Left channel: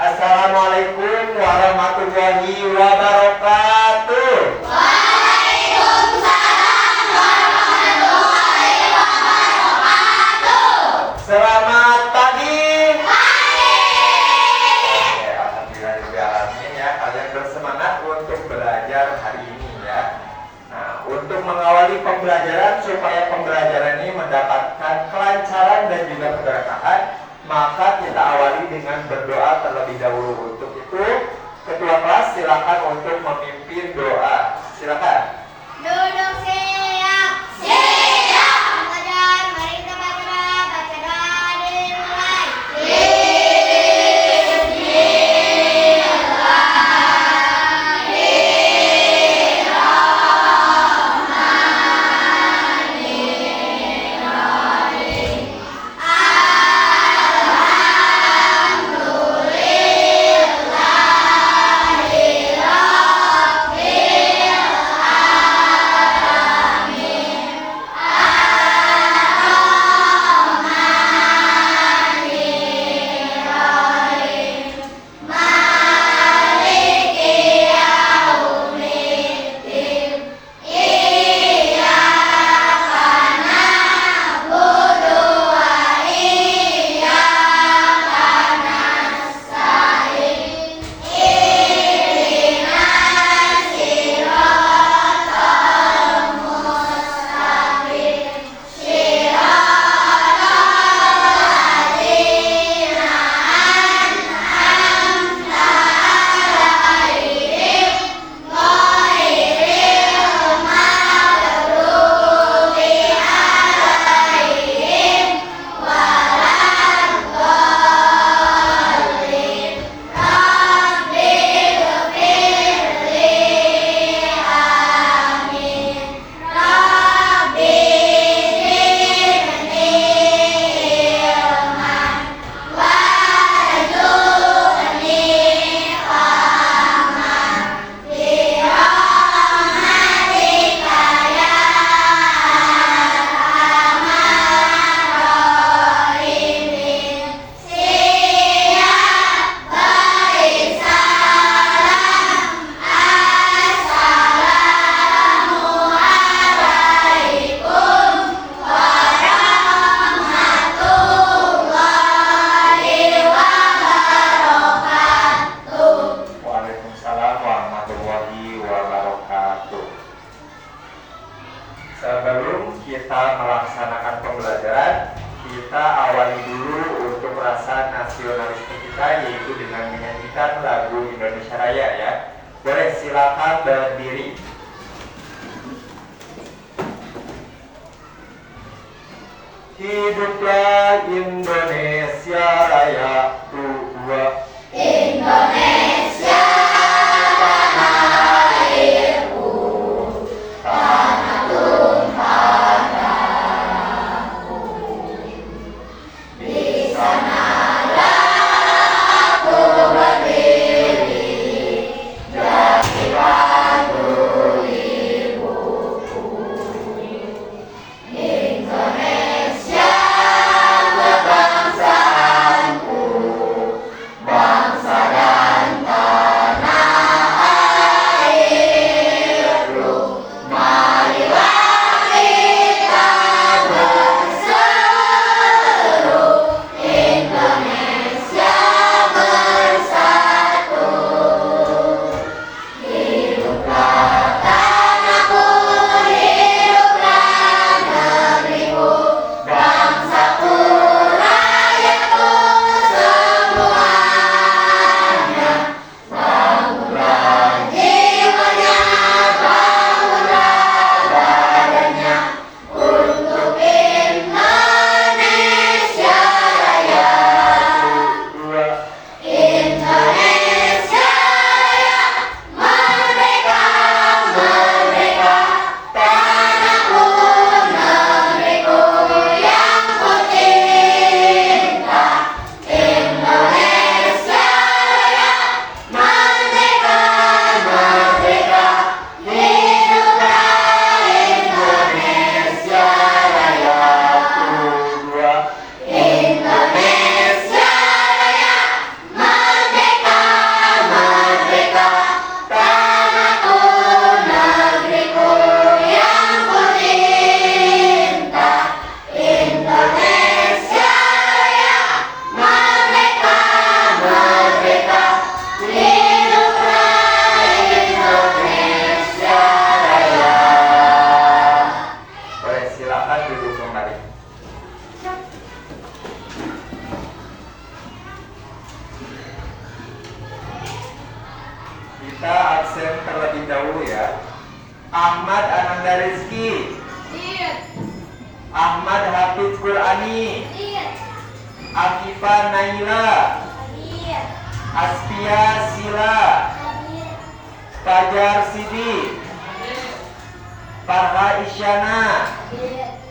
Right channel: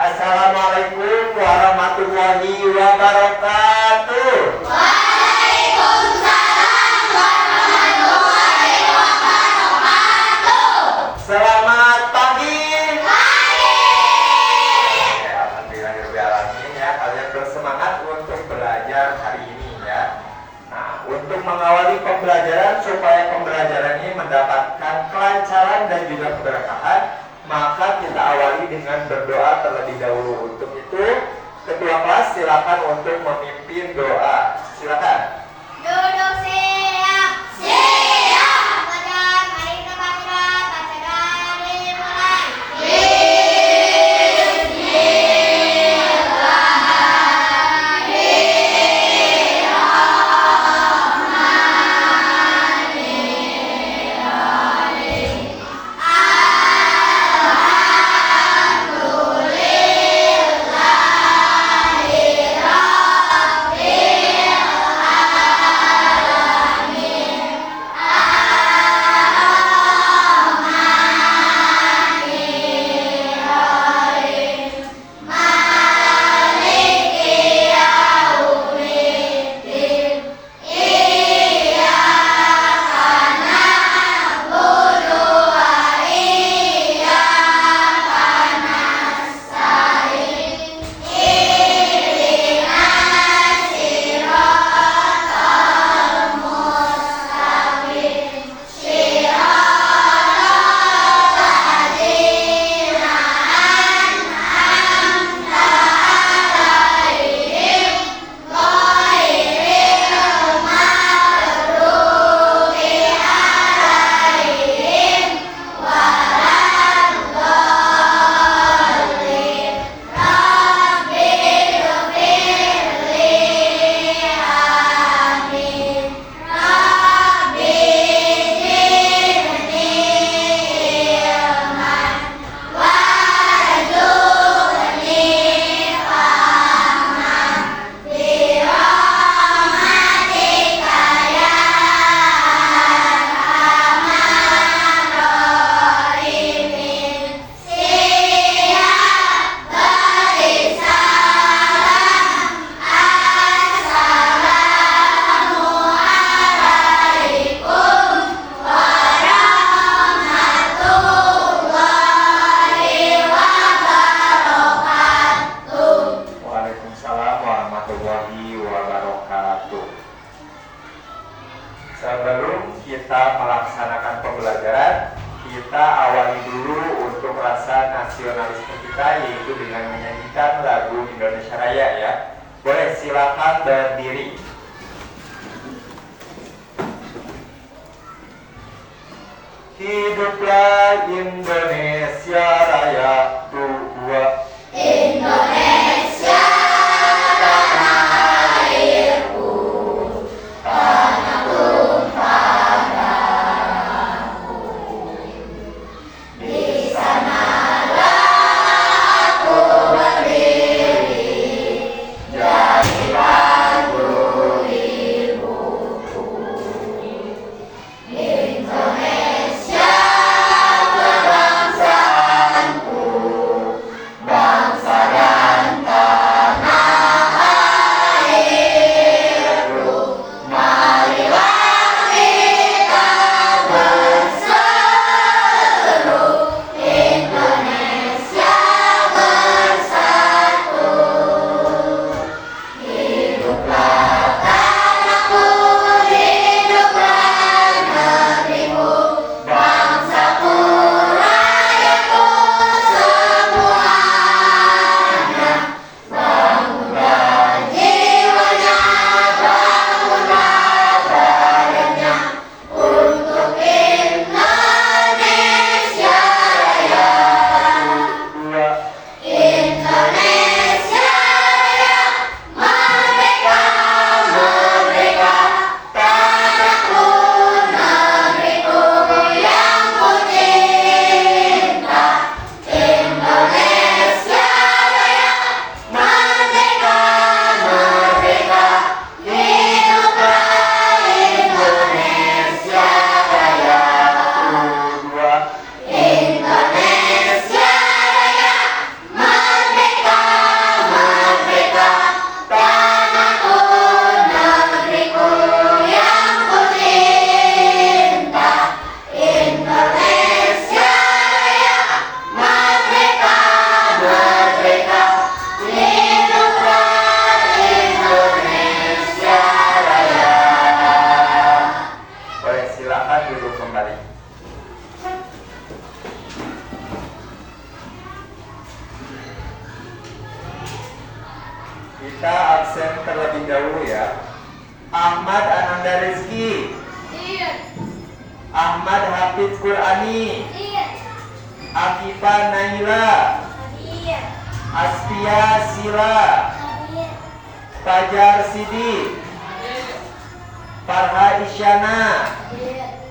Assalamualaikum warahmatullahi wabarakatuh. Waalaikumsalam warahmatullahi wabarakatuh. Selamat pagi. Pagi. Ya, alhamdulillahirobbilalamin ya, kalian bersemangat untuk belajar hari ini ya. Nah, untuk mengawali pembelajaran supaya pembelajaran ini mendapatkan kelancaran dan juga keberkahan, maka kita awali dengan berdoa terlebih dahulu. Untuk itu, ketua kelas silakan untuk memimpin doa. Silakan. Duduk siap. Siap. Belajar. Mari kita baca. Acara dimulai. Waalaikumsalam warahmatullahi wabarakatuh. Sebelum kita melaksanakan pembelajaran, kita awali dulu untuk rasa nasionalisme kita, yaitu dengan menyanyikan lagu Indonesia Raya ya. Boleh, silakan berdiri. Hiduplah Indonesia Raya, dua. Indonesia tanah airku, tanah tumpah darahku. Di sanalah aku berdiri, jadikan guru ibuku. Indonesia kebangsaanku, absen terlebih dahulu ya. Ahmad Ananda Rizky, Iya. Ahmad Hafid Qurani, Iya. Akifah Naila, Iya. Aspia Sila, Iya. Fajar Sidi, Farha Isyana, Iya.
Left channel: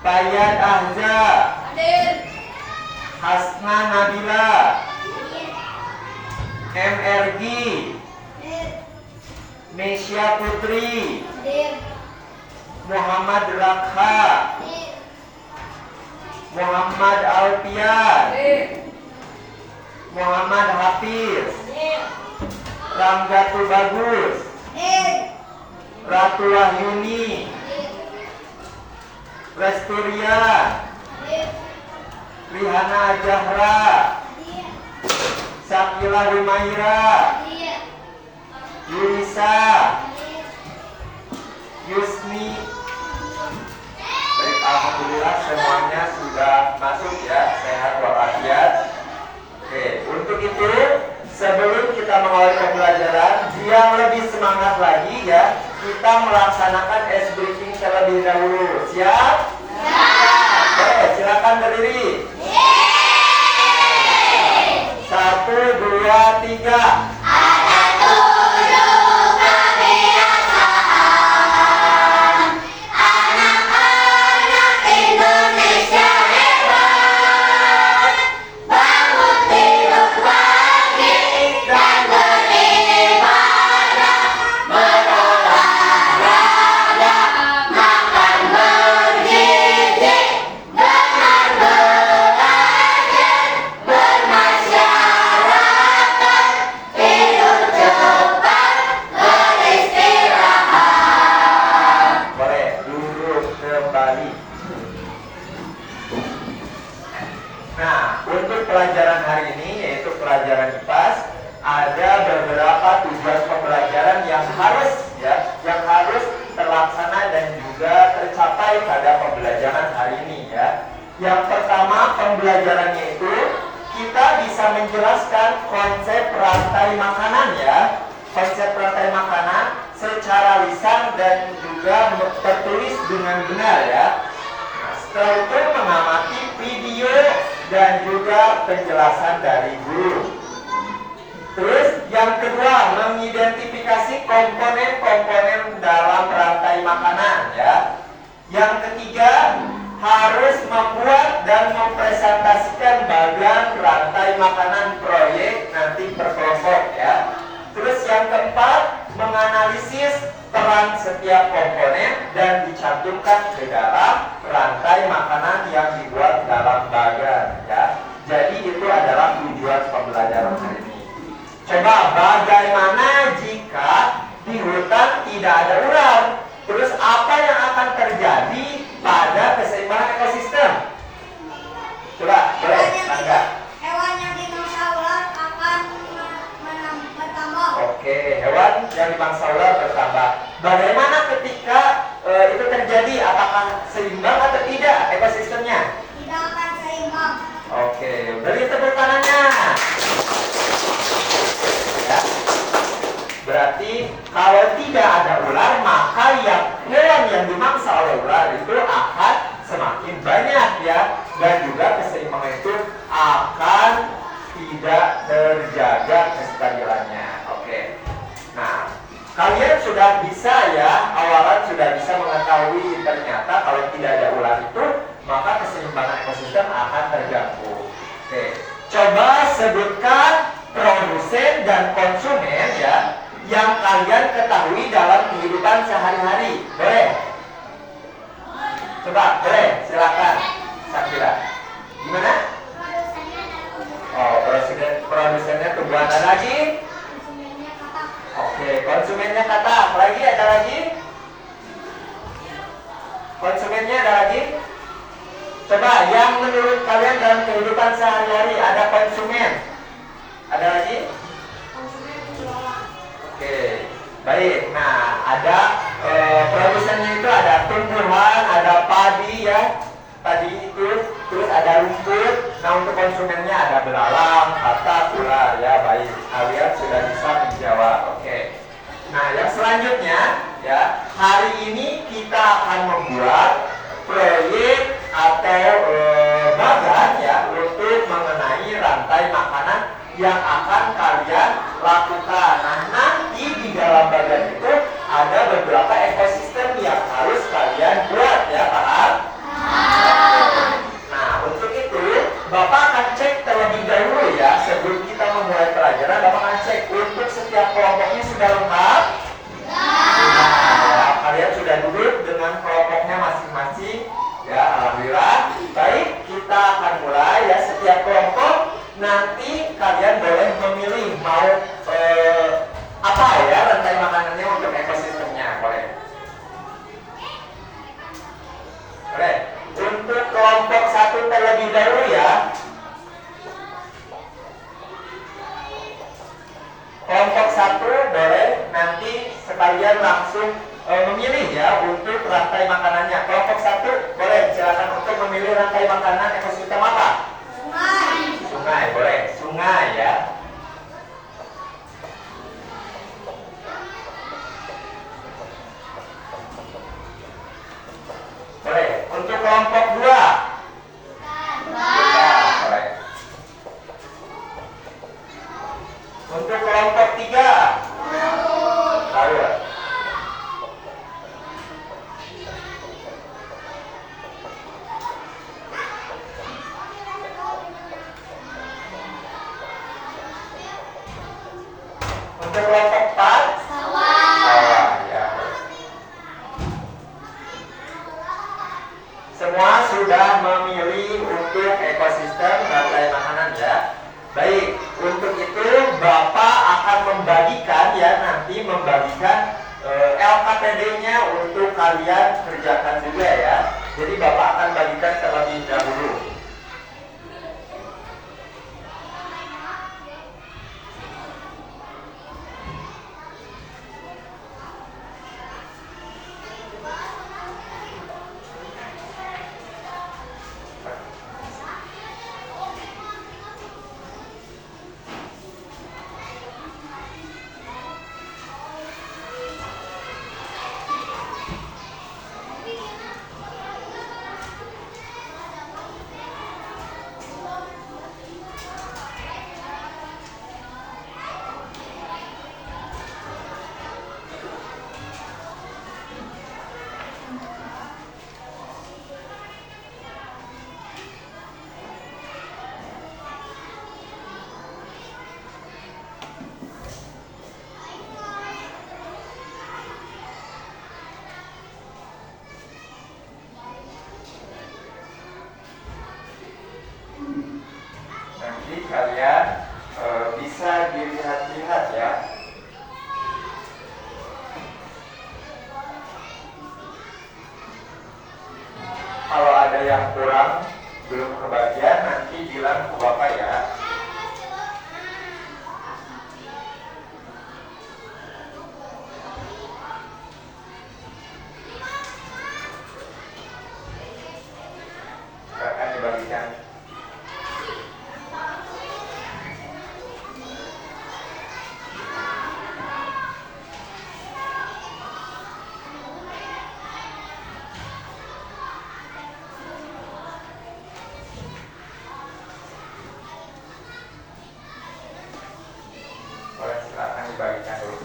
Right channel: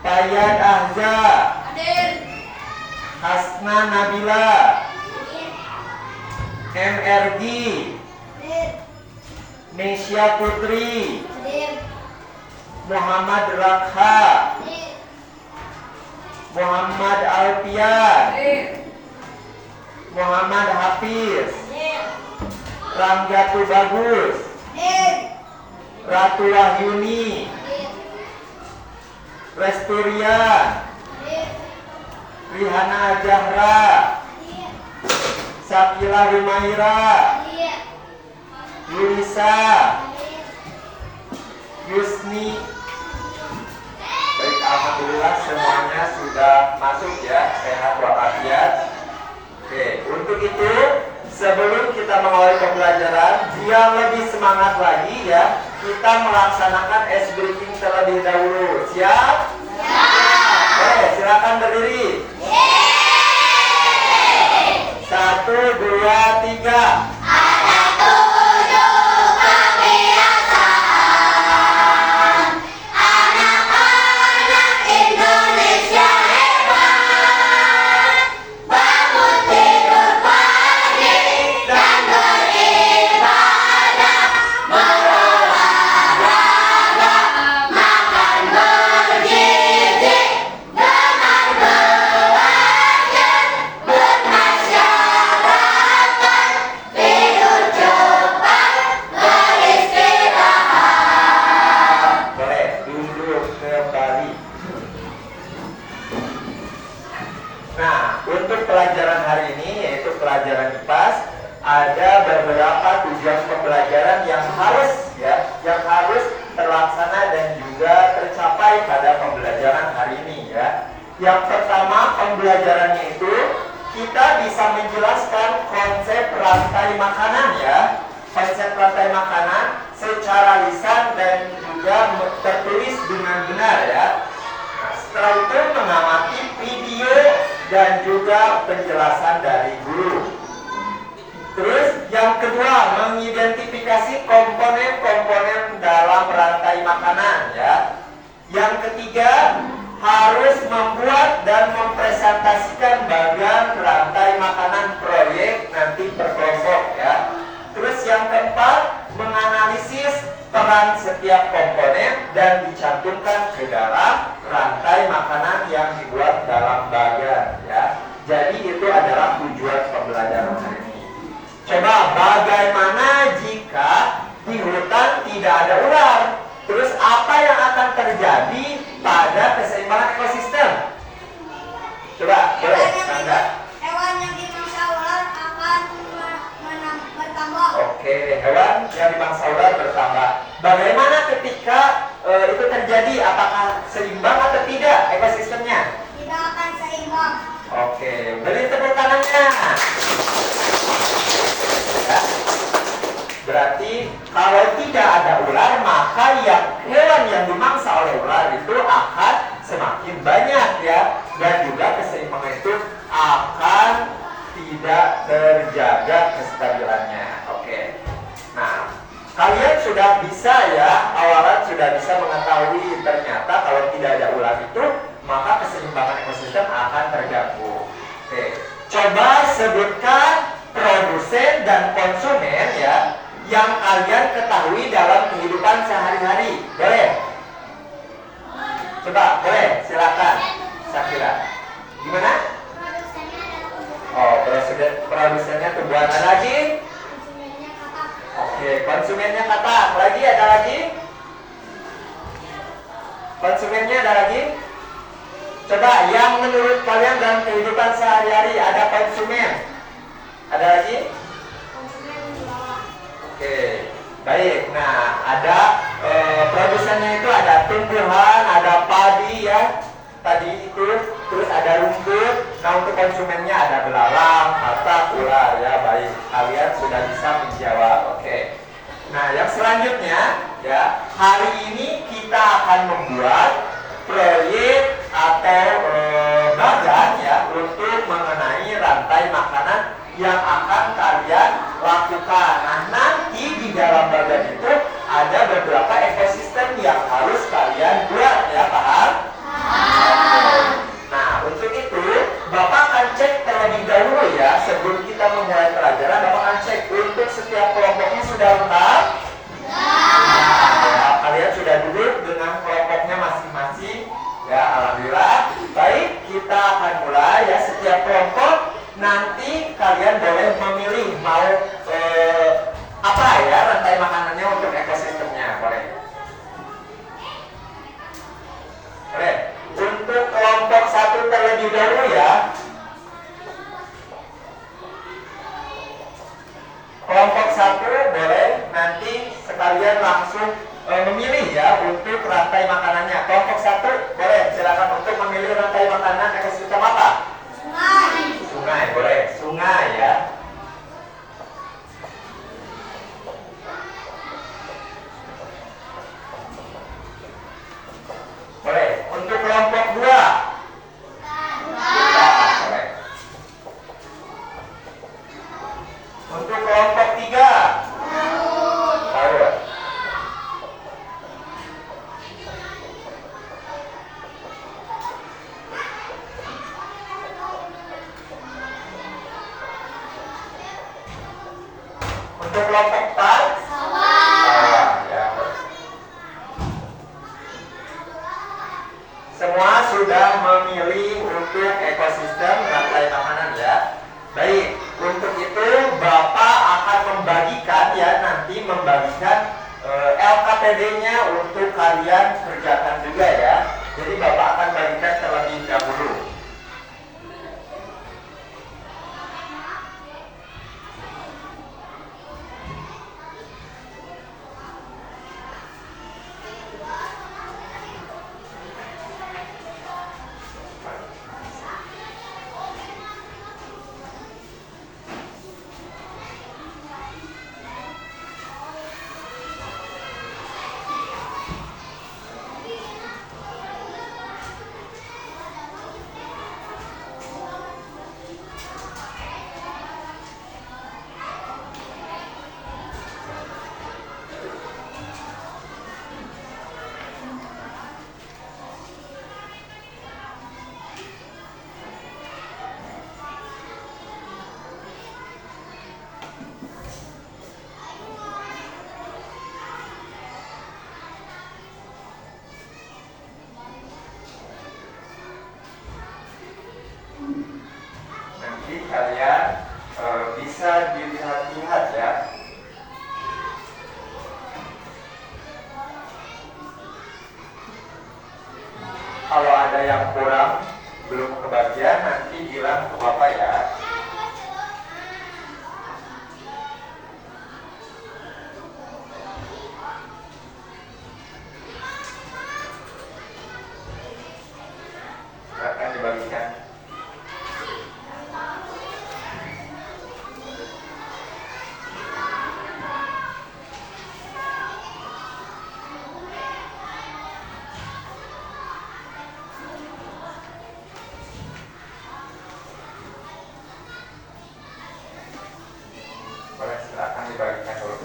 Fayad Ahza, Hadir. Hasna Nabila, Iya. MRG, Hadir. Nesya Putri, Hadir. Muhammad Rakha, Hadir. Muhammad Alfian, Hadir. Muhammad Hafiz, Hadir. Ramjatu Bagus, Hadir. Ratu Wahyuni, Hadir. Lesturian, Hadir. Rihana Jahra, Hadir. Sakila Humaira, Hadir. Yunisa, Hadir. Yusni. Baik, alhamdulillah semuanya sudah masuk ya, sehat walafiat. Oke, untuk itu sebelum kita mengawali pembelajaran, biar lebih semangat lagi ya, kita melaksanakan ice breaking terlebih dahulu. Siap? Siap. Oke, silakan berdiri. Satu, dua, tiga. Indonesia hebat, bangun tidur pagi dan beribadah, berolahraga, makan bergizi, gemar belajar, bermasyarakat, tidur cepat, beristirahat. Boleh duduk kembali. Nah, untuk pelajaran hari ini yaitu pelajaran IPAS, ada beberapa tujuan pembelajaran yang harus terlaksana dan juga tercapai pada pembelajaran hari ini ya. Yang pertama, pembelajarannya itu kita bisa menjelaskan konsep rantai makanan ya. Konsep rantai makanan secara lisan dan juga tertulis dengan benar ya. Nah, setelah itu mengamati video dan juga penjelasan dari guru. Terus yang kedua, mengidentifikasi komponen-komponen dalam rantai makanan ya. Yang ketiga, harus membuat dan mempresentasikan bagian rantai makanan proyek nanti per kelompok ya. Terus yang keempat, menganalisis peran setiap komponen dan dicantumkan ke dalam rantai makanan yang dibuat dalam bagan ya. Jadi itu adalah tujuan pembelajaran hari ini. Coba bagaimana jika di hutan tidak ada ular? Terus apa yang akan terjadi pada keseimbangan ekosistem? Coba boleh tanda. Hewan yang dimangsa ular akan bertambah. Oke, hewan yang dimangsa ular bertambah. Bagaimana ketika itu terjadi? Apakah seimbang atau tidak ekosistemnya? Tidak akan seimbang. Oke, beri tepuk tangannya. Ya. Berarti kalau tidak ada ular, maka hewan yang dimangsa oleh ular itu akan semakin banyak ya, dan juga keseimbangan itu akan tidak terjaga kestabilannya. Oke. Nah, kalian sudah bisa ya, awalan sudah bisa mengetahui ternyata kalau tidak ada ular itu, maka keseimbangan ekosistem akan terganggu. Oke. Coba sebutkan produsen dan konsumen ya yang kalian ketahui dalam kehidupan sehari-hari. Boleh? Coba, boleh? Silakan. Sakira. Gimana? Oh, produsennya tumbuhan. Ada lagi? Konsumennya kata. Oke, konsumennya kata. Apa lagi? Ada lagi? Konsumennya ada lagi? Coba, yang menurut kalian dalam kehidupan sehari-hari ada konsumen. Ada lagi? Konsumen jualan. Oke, baik. Nah, ada produsennya itu ada tumbuhan, ada padi ya, tadi itu, terus ada rumput. Nah, untuk konsumennya ada belalang, hatta, ular ya. Baik, kalian sudah bisa menjawab. Oke. Nah, yang selanjutnya ya, hari ini kita akan membuat proyek atau bagan ya untuk mengenai rantai makanan yang akan kalian lakukan. Nah, nanti di dalam bagan itu ada beberapa ekosistem yang harus kalian buat ya, paham? Nah, untuk itu Bapak akan cek terlebih dahulu ya, sebelum kita memulai pelajaran. Bapak akan cek untuk setiap kelompoknya sudah lengkap. Ya, kalian sudah duduk dengan kelompoknya masing-masing. Ya, alhamdulillah. Baik, kita akan mulai ya. Setiap kelompok nanti kalian boleh memilih mau apa ya rantai makanannya untuk ekosistemnya, boleh. Boleh. Untuk kelompok satu terlebih dahulu ya. Kelompok satu boleh nanti sekalian langsung memilih ya untuk rantai makanannya. Kelompok satu boleh silakan untuk memilih rantai makanan ekosistem apa? Sungai. Sungai, boleh. Sungai ya. Boleh. Untuk kelompok dua. Boleh. Untuk kelompok tiga. Laut. Untuk kelompok empat. Sawah, ya. Semua sudah memilih untuk ekosistem rantai makanan ya. Baik, untuk itu Bapak akan membagikan ya, nanti membagikan LKPD-nya untuk kalian kerjakan juga ya. Jadi Bapak akan bagikan terlebih dahulu. Nanti kalian bisa dilihat-lihat ya. Kalau ada yang kurang belum kebagian, nanti bilang ke Bapak ya. Akan dibagikan. Boleh, silakan dibagikan dulu.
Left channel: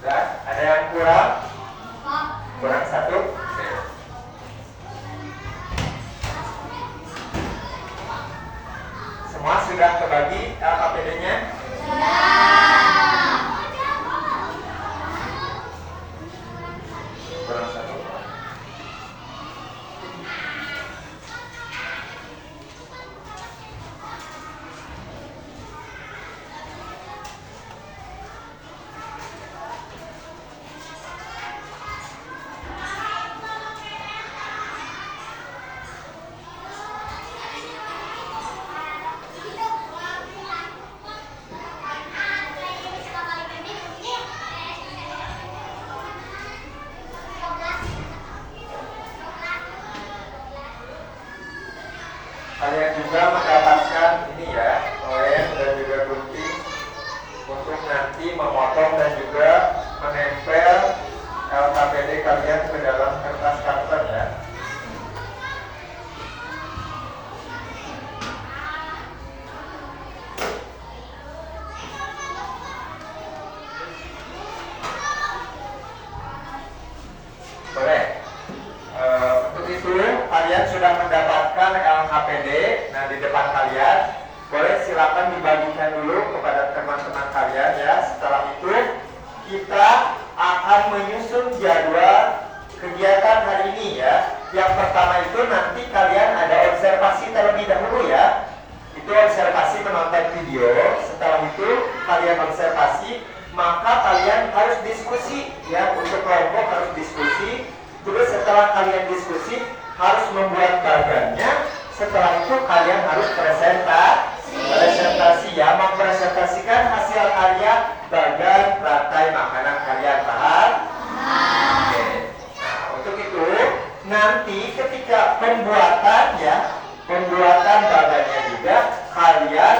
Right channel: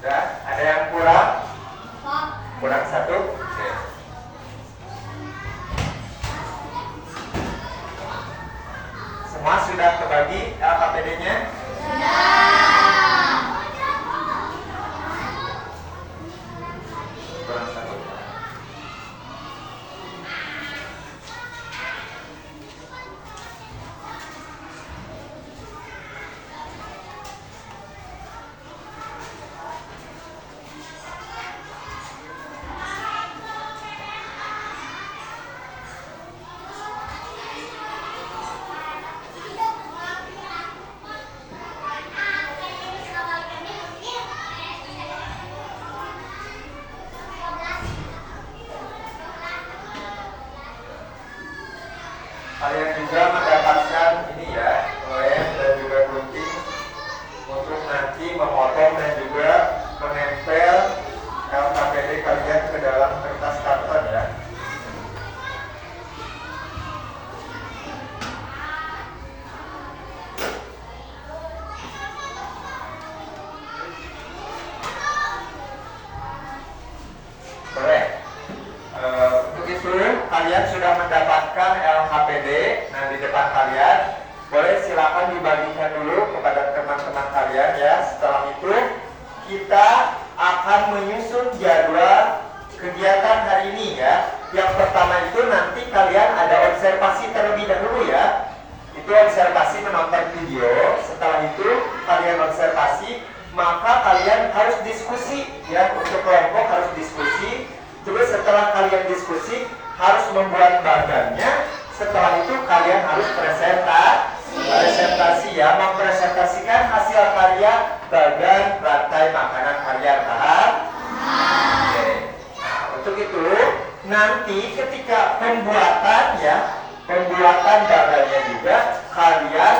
Dan ada yang kurang? Kurang satu? Oke. Semua sudah kebagi LKPD-nya? Kurang satu. styrofoam dan juga menempel LKPD kalian ke dalam kertas karton ya. Boleh. Untuk itu kalian sudah mendapatkan LKPD. Nah, di depan kalian boleh silakan dibagikan dulu kepada teman-teman kalian ya. Setelah itu kita akan menyusun jadwal kegiatan hari ini ya. Yang pertama itu nanti kalian ada observasi terlebih dahulu ya. Itu observasi menonton video. Setelah itu kalian observasi, maka kalian harus diskusi ya. Untuk kelompok harus diskusi. Terus setelah kalian diskusi harus membuat bagannya. Setelah itu kalian harus presentasi ya, mempresentasikan hasil karya bagan rantai makanan kalian. Paham? Oke. Nah, untuk itu nanti ketika pembuatan bagannya juga kalian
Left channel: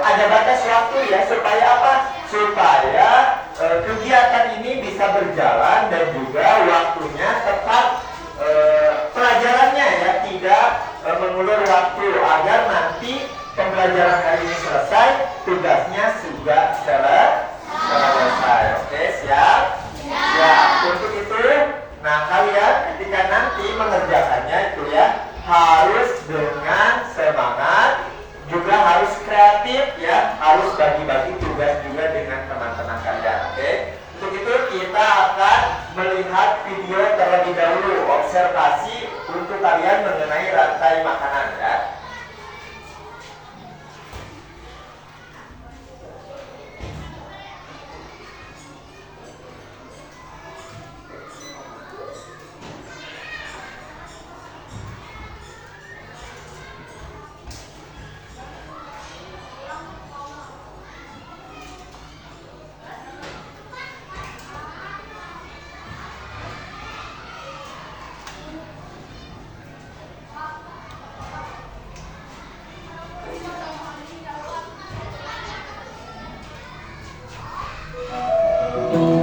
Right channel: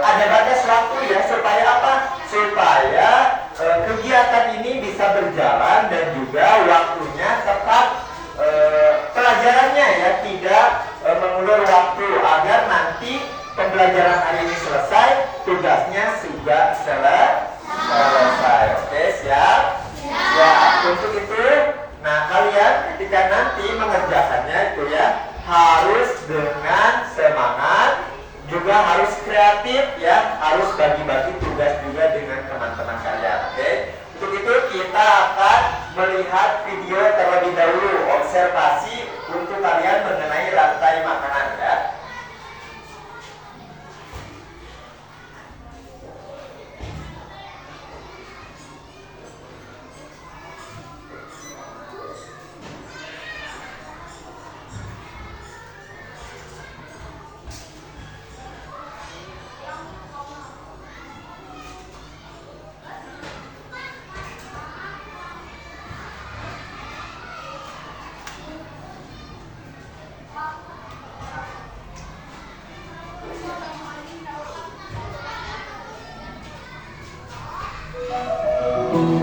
ada batas waktu ya, supaya apa? Supaya kegiatan ini bisa berjalan dan juga waktunya tetap pelajarannya ya tidak mengulur waktu, agar nanti pembelajaran hari ini selesai, tugasnya juga selesai. Oke, siap? Ya, untuk itu, nah kalian ketika nanti mengerjakannya itu ya harus dengan semangat, juga harus kreatif ya, harus bagi-bagi tugas juga dengan teman-teman kalian. Oke? Untuk itu kita akan melihat video terlebih dahulu, observasi untuk kalian mengenai rantai makanan ya.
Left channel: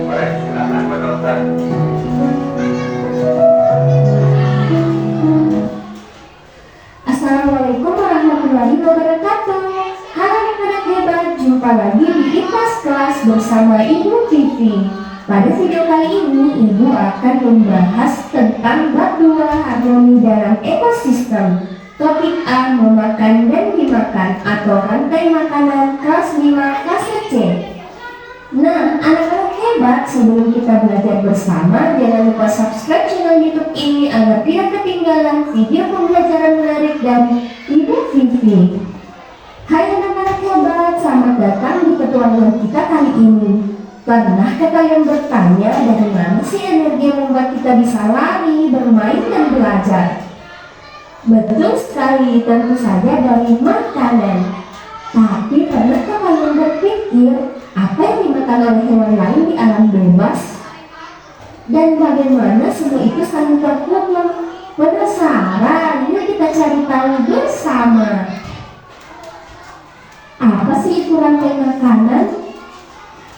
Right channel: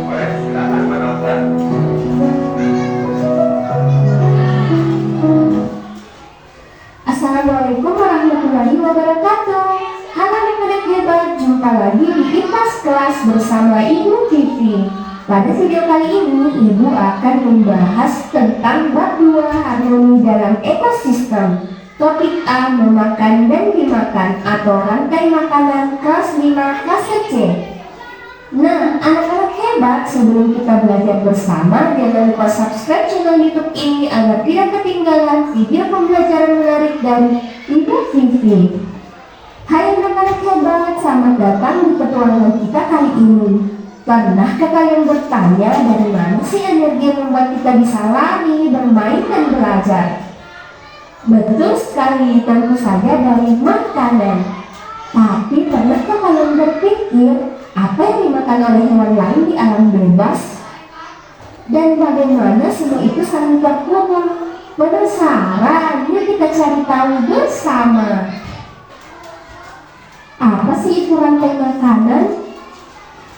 Boleh silakan menonton. Assalamualaikum warahmatullahi wabarakatuh. Halo anak-anak hebat, jumpa lagi di IPAS kelas bersama Ibu Vivi. Pada video kali ini, Ibu akan membahas tentang bab 2 harmoni dalam ekosistem. Topik A, memakan dan dimakan atau rantai makanan, kelas 5 fase C. Nah, anak-anak hebat, sebelum kita belajar bersama, jangan lupa subscribe channel YouTube ini agar tidak ketinggalan video pembelajaran menarik dari Ibu Vivi. Hai anak-anak hebat, selamat datang di petualangan kita kali ini. Pernahkah kalian bertanya dari mana sih energi yang membuat kita bisa lari, bermain, dan belajar? Betul sekali, tentu saja dari makanan. Tapi pernahkah kalian berpikir apa yang dimakan oleh hewan lain di alam bebas? Dan bagaimana semua itu saling terhubung? Penasaran? Yuk kita cari tahu bersama. Apa sih itu rantai makanan?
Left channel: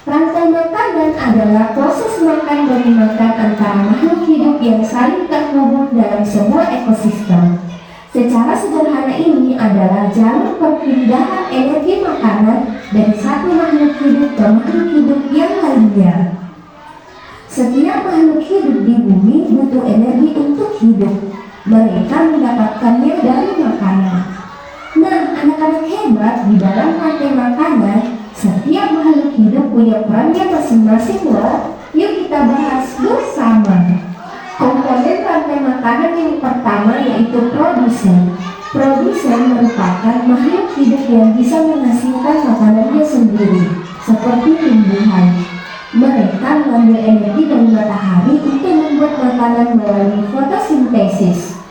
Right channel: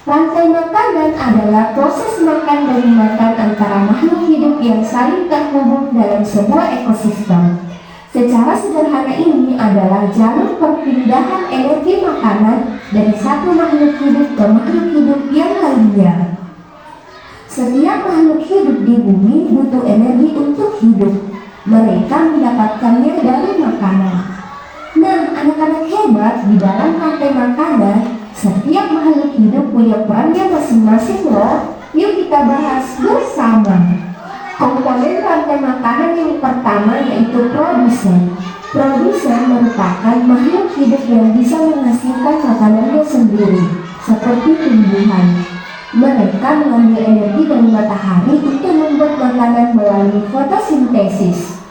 Rantai makanan adalah proses makan dan dimakan antara makhluk hidup yang saling terhubung dalam sebuah ekosistem. Secara sederhana ini adalah jalur perpindahan energi makanan dari satu makhluk hidup ke makhluk hidup yang lainnya. Setiap makhluk hidup di bumi butuh energi untuk hidup. Mereka mendapatkannya dari makanan. Nah, anak-anak hebat, di dalam rantai makanan, setiap makhluk hidup punya perannya masing-masing loh. Yuk kita bahas bersama. Komponen rantai makanan yang pertama yaitu produsen. Produsen merupakan makhluk hidup yang bisa menghasilkan makanannya sendiri, seperti tumbuhan. Mereka mengambil energi dari matahari untuk membuat makanan melalui fotosintesis.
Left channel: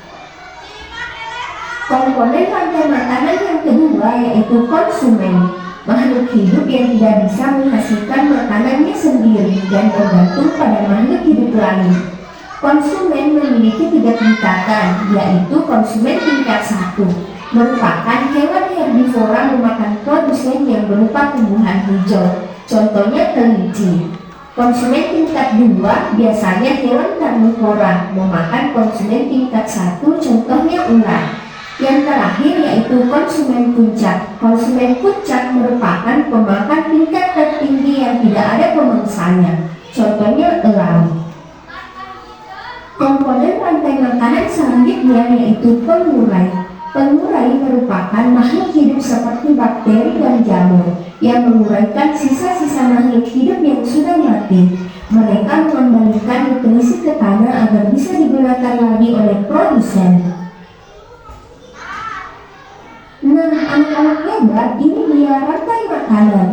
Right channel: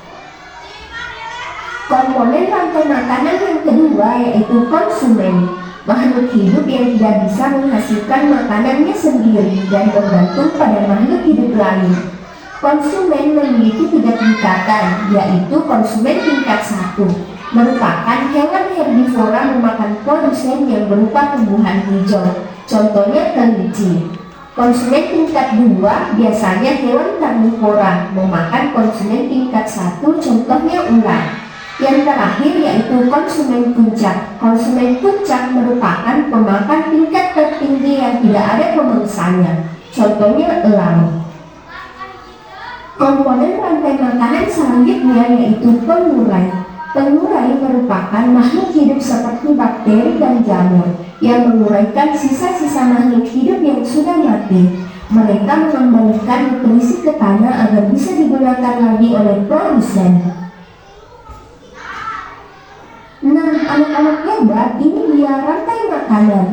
Komponen rantai makanan yang kedua yaitu konsumen. Makhluk hidup yang tidak bisa menghasilkan makanannya sendiri dan bergantung pada makhluk hidup lain. Konsumen memiliki 3 tingkatan, yaitu konsumen tingkat 1, merupakan hewan herbivora memakan produsen yang berupa tumbuhan hijau. contohnya kelinci. Konsumen tingkat 2 biasanya hewan karnivora, memakan konsumen tingkat 1, contohnya ular. Yang terakhir yaitu konsumen puncak. Konsumen puncak merupakan pemakan tingkat tertinggi yang tidak ada pemangsanya, contohnya elang. Komponen rantai makanan selanjutnya yaitu pengurai. Pengurai merupakan makhluk hidup seperti bakteri dan jamur yang menguraikan sisa-sisa makhluk hidup yang sudah mati. Mereka mengembalikan nutrisi ke tanah agar bisa digunakan lagi oleh produsen. Nah, anak-anak hebat, ini dia rantai makanan.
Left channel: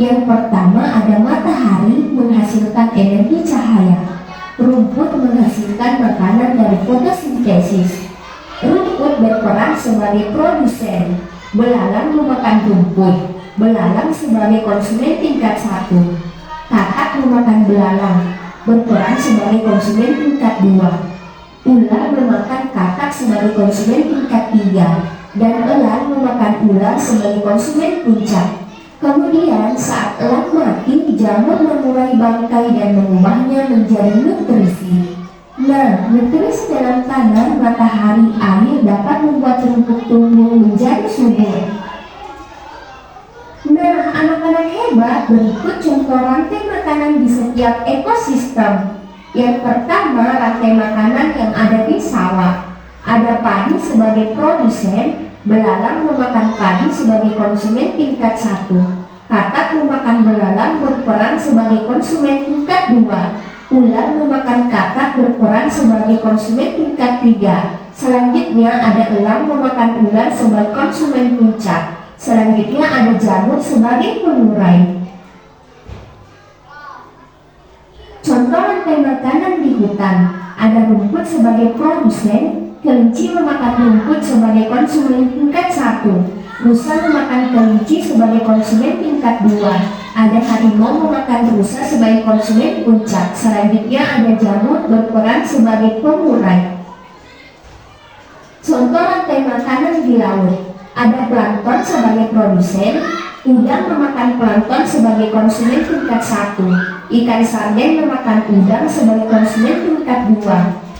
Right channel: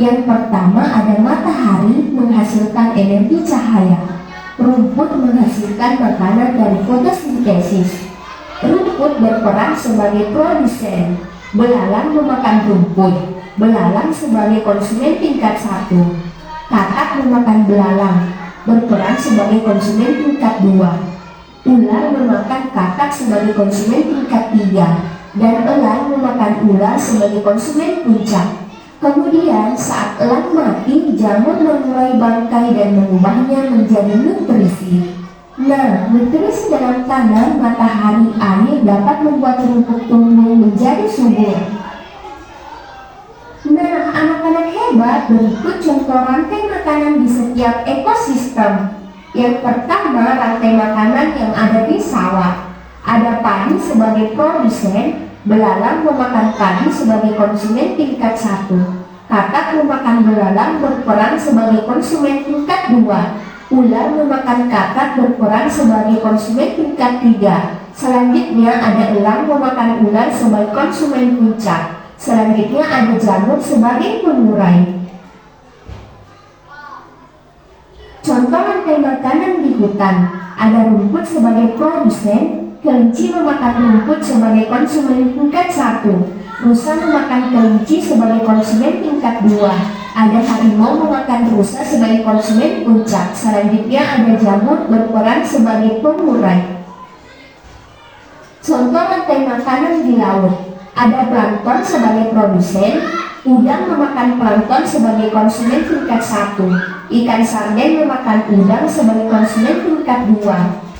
Yang pertama ada matahari menghasilkan energi cahaya. Rumput menghasilkan makanan dari fotosintesis. Rumput berperan sebagai produsen. Belalang memakan rumput. Belalang sebagai konsumen tingkat 1. Katak memakan belalang, berperan sebagai konsumen tingkat 2. Ular memakan katak sebagai konsumen tingkat 3. Dan elang memakan ular sebagai konsumen puncak. Kemudian saat elang mati, jamur mengurai bangkai dan mengubahnya menjadi nutrisi. Nah, nutrisi dalam tanah, matahari, air dapat membuat rumput tumbuh menjadi subur. Nah, anak-anak hebat, berikut contoh rantai makanan di setiap ekosistem. Yang pertama, rantai makanan yang ada di sawah. Ada padi sebagai produsen, belalang memakan padi sebagai konsumen tingkat 1. Katak memakan belalang berperan sebagai konsumen tingkat 2. Ular memakan katak berperan sebagai konsumen tingkat 3. Selanjutnya ada elang memakan ular sebagai konsumen puncak. Selanjutnya ada jamur sebagai pengurai. Contoh rantai makanan di hutan. Ada rumput sebagai produsen. Kelinci memakan rumput sebagai konsumen tingkat 1. Rusa memakan kelinci sebagai konsumen tingkat 2. Ada harimau memakan rusa sebagai konsumen puncak. Selanjutnya ada jamur berperan sebagai pengurai. Contoh rantai makanan di laut. Ada plankton sebagai produsen. Udang memakan plankton sebagai konsumen tingkat 1. Ikan sarden memakan udang sebagai konsumen tingkat 2.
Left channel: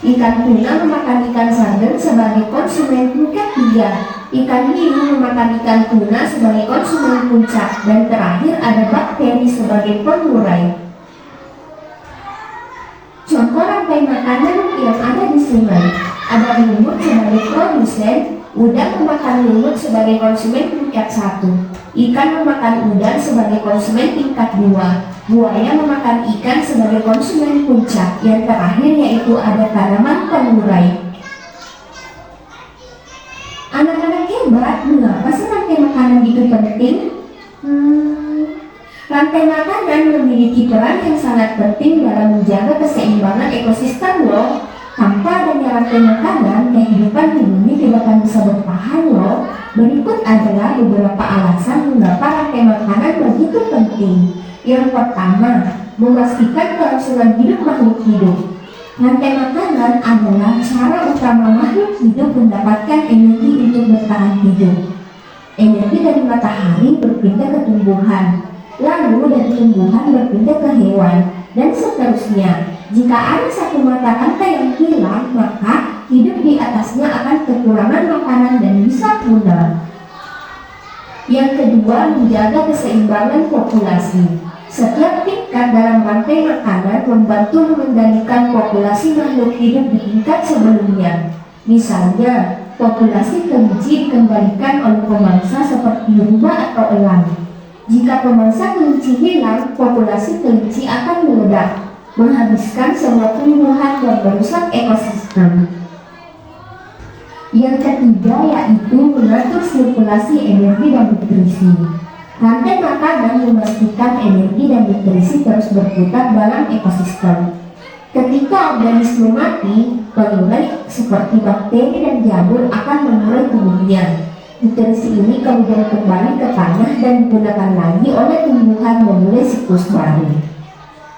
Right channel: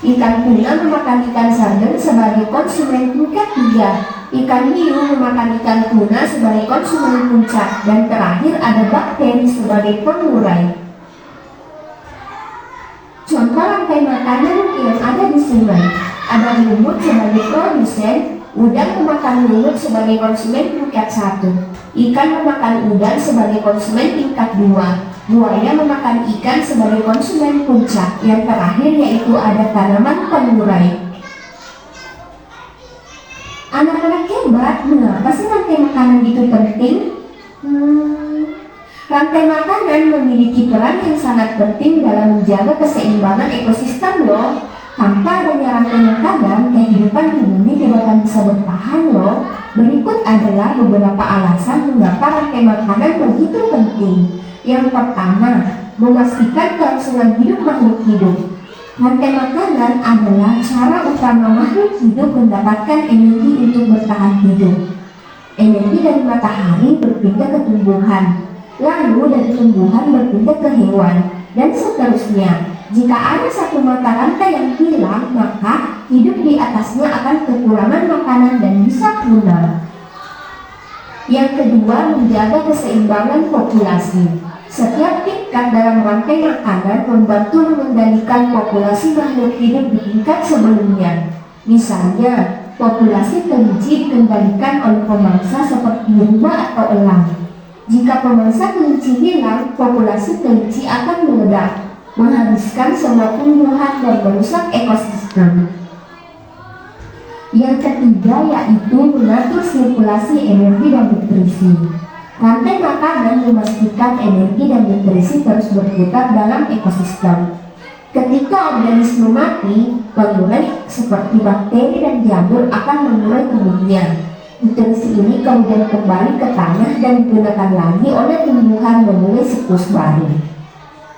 Ikan tuna memakan ikan sarden sebagai konsumen tingkat 3. Ikan hiu memakan ikan tuna sebagai konsumen puncak. Dan terakhir ada bakteri sebagai pengurai. Contoh rantai makanan yang ada di sungai. Ada lumut sebagai produsen. Udang memakan lumut sebagai konsumen tingkat 1. Ikan memakan udang sebagai konsumen tingkat 2. Buaya memakan ikan sebagai konsumen puncak. Yang terakhir yaitu ada tanaman pengurai. Anak-anak hebat, mengapa sih rantai makanan itu penting? Rantai makanan memiliki peran yang sangat penting dalam menjaga keseimbangan ekosistem loh. Tanpa adanya rantai makanan, kehidupan di bumi tidak akan bisa bertahan loh. Berikut adalah beberapa alasan mengapa rantai makanan begitu penting. Yang pertama, memastikan kelangsungan hidup makhluk hidup. Rantai makanan adalah cara utama makhluk hidup mendapatkan energi untuk bertahan hidup. Energi dari matahari berpindah ke tumbuhan, lalu dari tumbuhan berpindah ke hewan, dan seterusnya. Jika ada satu mata rantai yang hilang, maka hidup di atasnya akan kekurangan makanan dan bisa punah. Yang kedua, menjaga keseimbangan populasi. Setiap tingkat dalam rantai makanan membantu mengendalikan populasi makhluk hidup di tingkat sebelumnya. Misalnya, populasi kelinci dikendalikan oleh pemangsa seperti lumba atau elang. Jika pemangsa kelinci hilang, populasi kelinci akan meledak, menghabiskan semua tumbuhan dan merusak ekosistem. Yang ketiga yaitu mengatur sirkulasi energi dan nutrisi. Rantai makanan memastikan energi dan nutrisi terus berputar dalam ekosistem. Ketika organisme mati, pengurai seperti bakteri dan jamur akan mengurai tubuhnya. Nutrisi ini kemudian kembali ke tanah dan digunakan lagi oleh tumbuhan memulai siklus baru.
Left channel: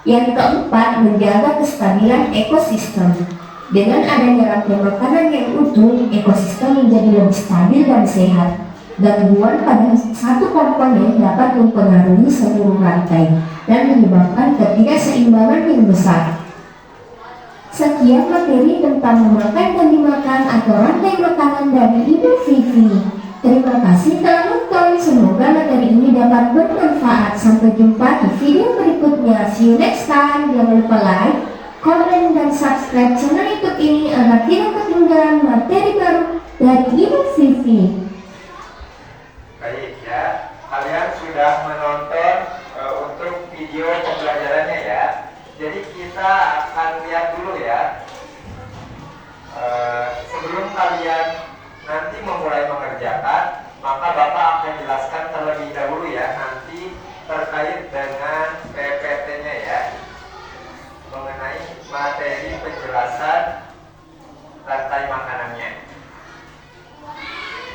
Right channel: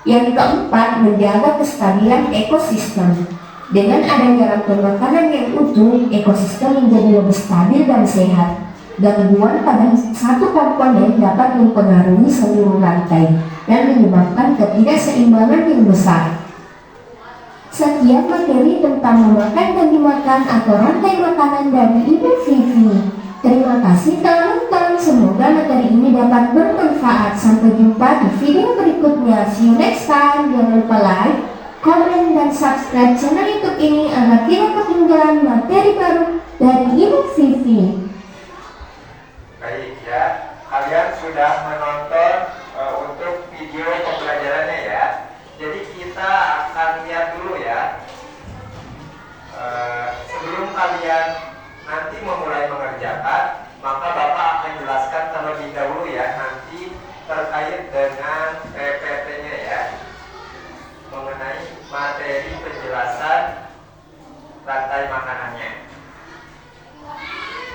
Yang keempat, menjaga kestabilan ekosistem. Dengan adanya rantai makanan yang utuh, ekosistem menjadi lebih stabil dan sehat. Gangguan pada satu komponen dapat mempengaruhi seluruh rantai dan menyebabkan ketidakseimbangan yang besar. Sekian materi tentang memakan dan dimakan atau rantai makanan dari Ibu Vivi. Terima kasih telah nonton. Semoga materi ini dapat bermanfaat. Sampai jumpa di video berikutnya. See you next time. Jangan lupa like, komen, dan subscribe channel YouTube ini agar tidak ketinggalan materi baru dari Ibu Vivi. Baik ya, kalian sudah menonton untuk video pembelajarannya ya. Jadi kita akan lihat dulu ya. Sebelum kalian nanti memulai mengerjakan, maka Bapak akan jelaskan terlebih dahulu ya nanti terkait dengan PPT-nya ya, mengenai materi penjelasan rantai makanannya.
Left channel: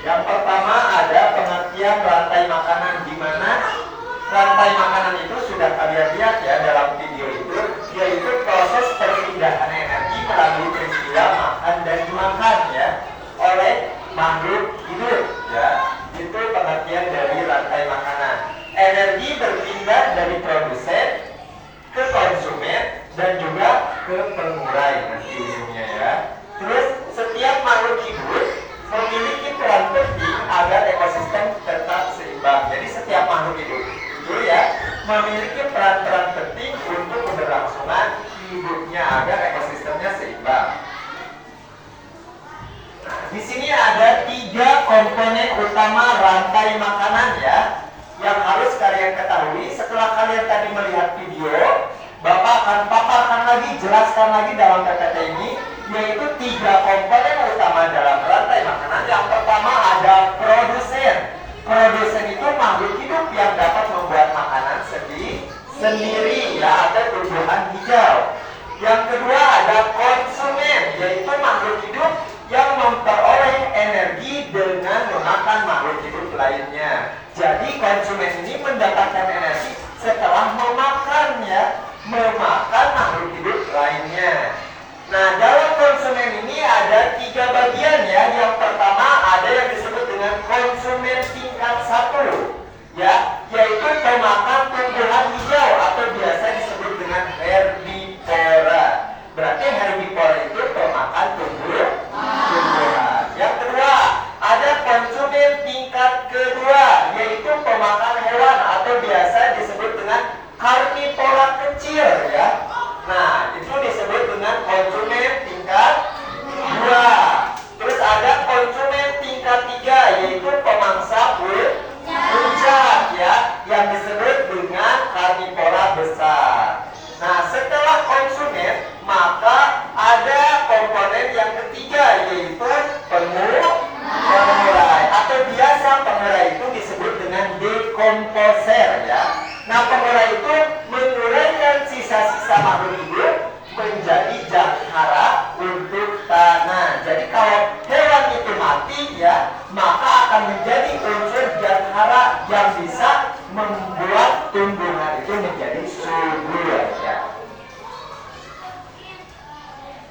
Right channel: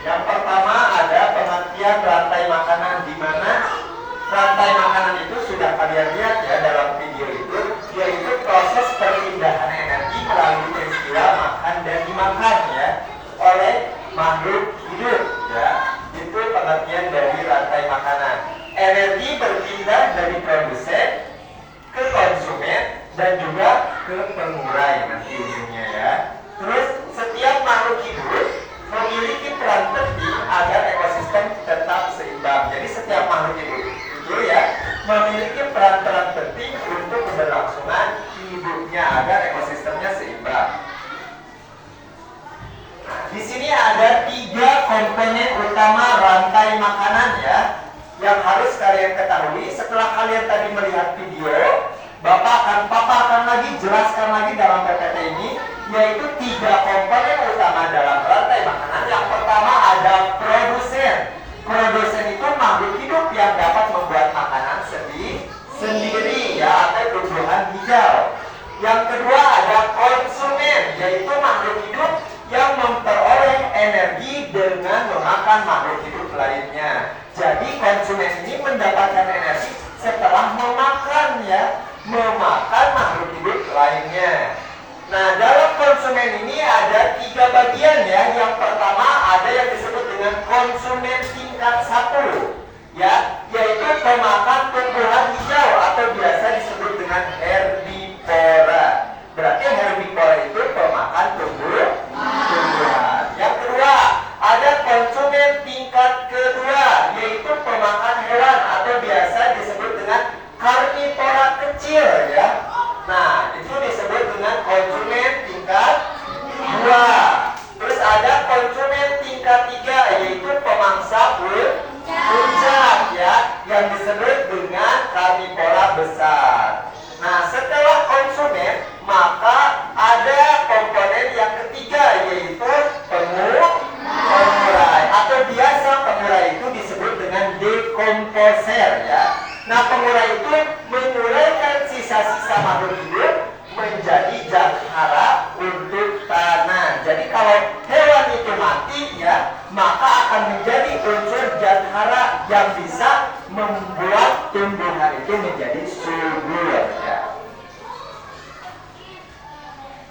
Yang pertama ada pengertian rantai makanan, di mana rantai makanan itu sudah kalian lihat ya dalam video itu, yaitu proses perpindahan energi melalui peristiwa makan dan dimakan ya oleh makhluk hidup ya. Itu pengertian dari rantai makanan. Energi berpindah dari produsen ke konsumen dan juga ke pengurai nanti ujungnya ya. Terus setiap makhluk hidup memiliki peran penting agar ekosistem tetap seimbang. Jadi setiap makhluk hidup itu ya memiliki peran-peran penting untuk keberlangsungan hidupnya agar ekosistemnya seimbang. Nah, di sini ada 3 komponen utama rantai makanan ya, yang harus kalian ketahui. Setelah kalian tadi melihat video, Bapak akan paparkan lagi, jelaskan lagi dalam PPT ini, yaitu 3 komponen utama dalam rantai makanan. Yang pertama ada produsen. Produsen itu makhluk hidup yang dapat membuat makanan sendiri ya, atau tumbuhan hijau. Yang kedua ada konsumen, yaitu makhluk hidup yang memperoleh energi dengan memakan makhluk hidup lainnya. Jadi konsumen ini mendapatkan energi setelah memakan ya, memakan makhluk hidup lainnya. Nah, dalam konsumen ini ada 3 bagian ya. Yang pertama ada yang disebut dengan konsumen tingkat 1 ya, yaitu pemakan tumbuhan hijau atau biasa disebut dengan herbivora. Berarti herbivora itu pemakan tumbuhan. Yang kedua ada konsumen tingkat kedua, yaitu pemakan hewan atau biasa disebut dengan karnivora kecil ya. Nah, itu disebut dengan konsumen tingkat 2. Terus ada konsumen tingkat 3, yaitu pemangsa puncak ya, yang disebut dengan karnivora besar. Nah, setelah konsumen, maka ada komponen yang ketiga, yaitu pengurai atau biasa pengurai itu disebut dengan dekomposer ya. Nah, pengurai itu menguraikan sisa-sisa makhluk hidup menjadi zat hara untuk tanah. Jadi kalau hewan itu mati ya, maka akan menjadi unsur zat hara yang bisa membuat tumbuhan itu menjadi subur ya.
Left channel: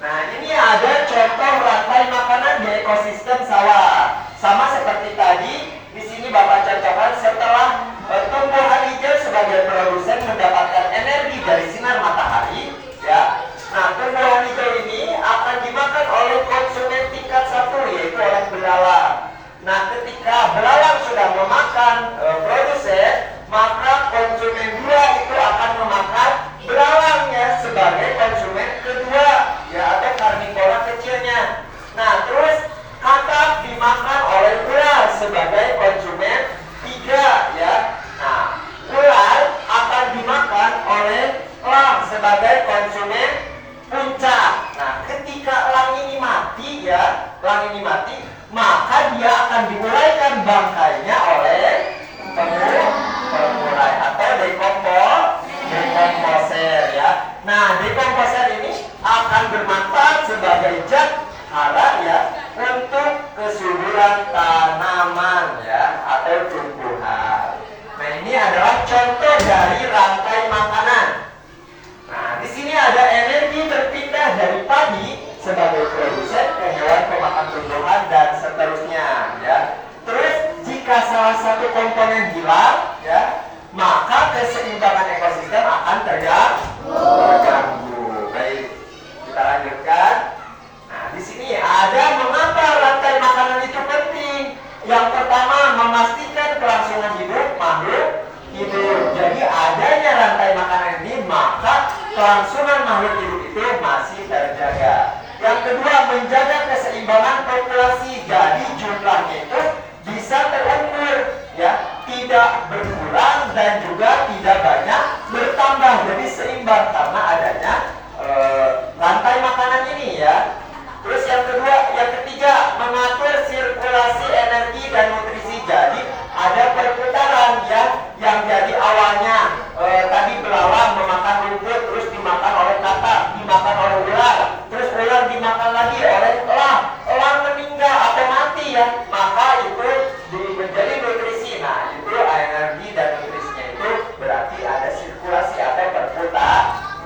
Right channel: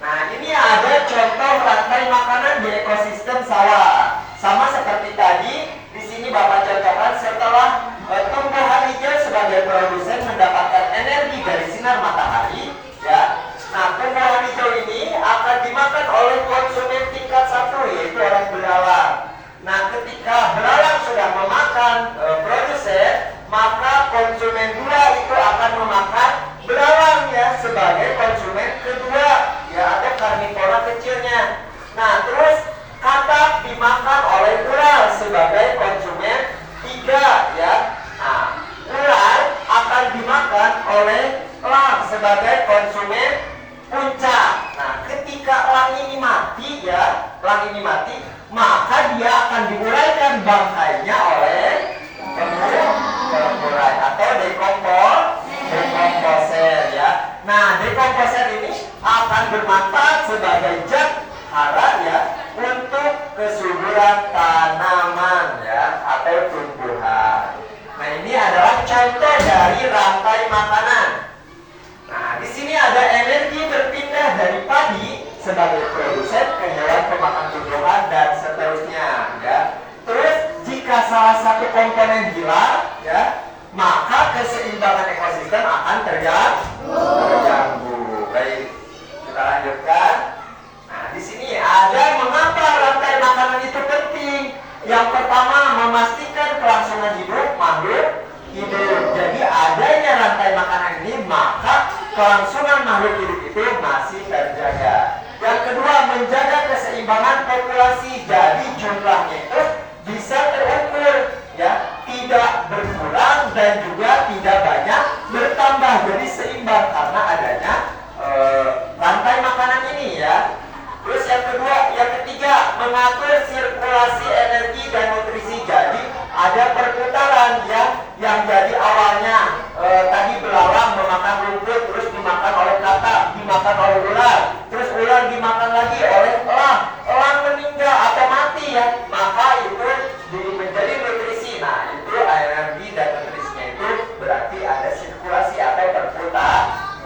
Nah, ini ada contoh rantai makanan di ekosistem sawah. Sama seperti tadi, di sini Bapak contohkan setelah tumbuhan hijau sebagai produsen mendapatkan energi dari sinar matahari ya. Nah, tumbuhan hijau ini akan dimakan oleh konsumen tingkat 1, yaitu oleh belalang. Nah, ketika belalang sudah memakan produsen, maka konsumen 2 itu akan memakan belalang ya sebagai konsumen kedua ya, atau karnivora kecilnya. Nah, terus katak dimakan oleh ular sebagai konsumen 3 ya. Nah, ular akan dimakan oleh elang sebagai konsumen puncak. Nah, ketika elang ini mati ya, maka dia akan diuraikan bangkainya oleh pengurai atau dekomposer ya. Nah, dekomposer ini akan bermanfaat sebagai zat hara ya untuk kesuburan tanaman ya atau tumbuhan. Nah, ini adalah contoh dari rantai makanan. Nah, di sini ada energi berpindah dari padi sebagai produsen ke hewan pemakan tumbuhan dan seterusnya ya. Terus jika salah satu komponen hilang, ya, maka keseimbangan ekosistem akan terganggu. Baik, kita lanjutkan. Nah, di sini ada mengapa rantai makanan itu penting. Yang pertama, memastikan kelangsungan hidup makhluk hidup. Jadi adanya rantai makanan ini, maka kelangsungan makhluk hidup itu masih terjaga. Yang kedua, menjaga keseimbangan populasi. Jadi jumlahnya itu bisa terukur, ya, tidak berkurang dan juga tidak banyak bertambah. Jadi seimbang karena adanya rantai makanan ini, ya. Terus yang ketiga, mengatur sirkulasi energi dan nutrisi. Jadi ada perputaran, ya, yang jadi awalnya tadi belalang memakan rumput, terus dimakan oleh katak, dimakan oleh ular, terus ular dimakan lagi oleh elang, elang meninggal atau mati, ya, maka itu menjadi nutrisi. Nah, itu energi dan nutrisinya itu berarti ada sirkulasi atau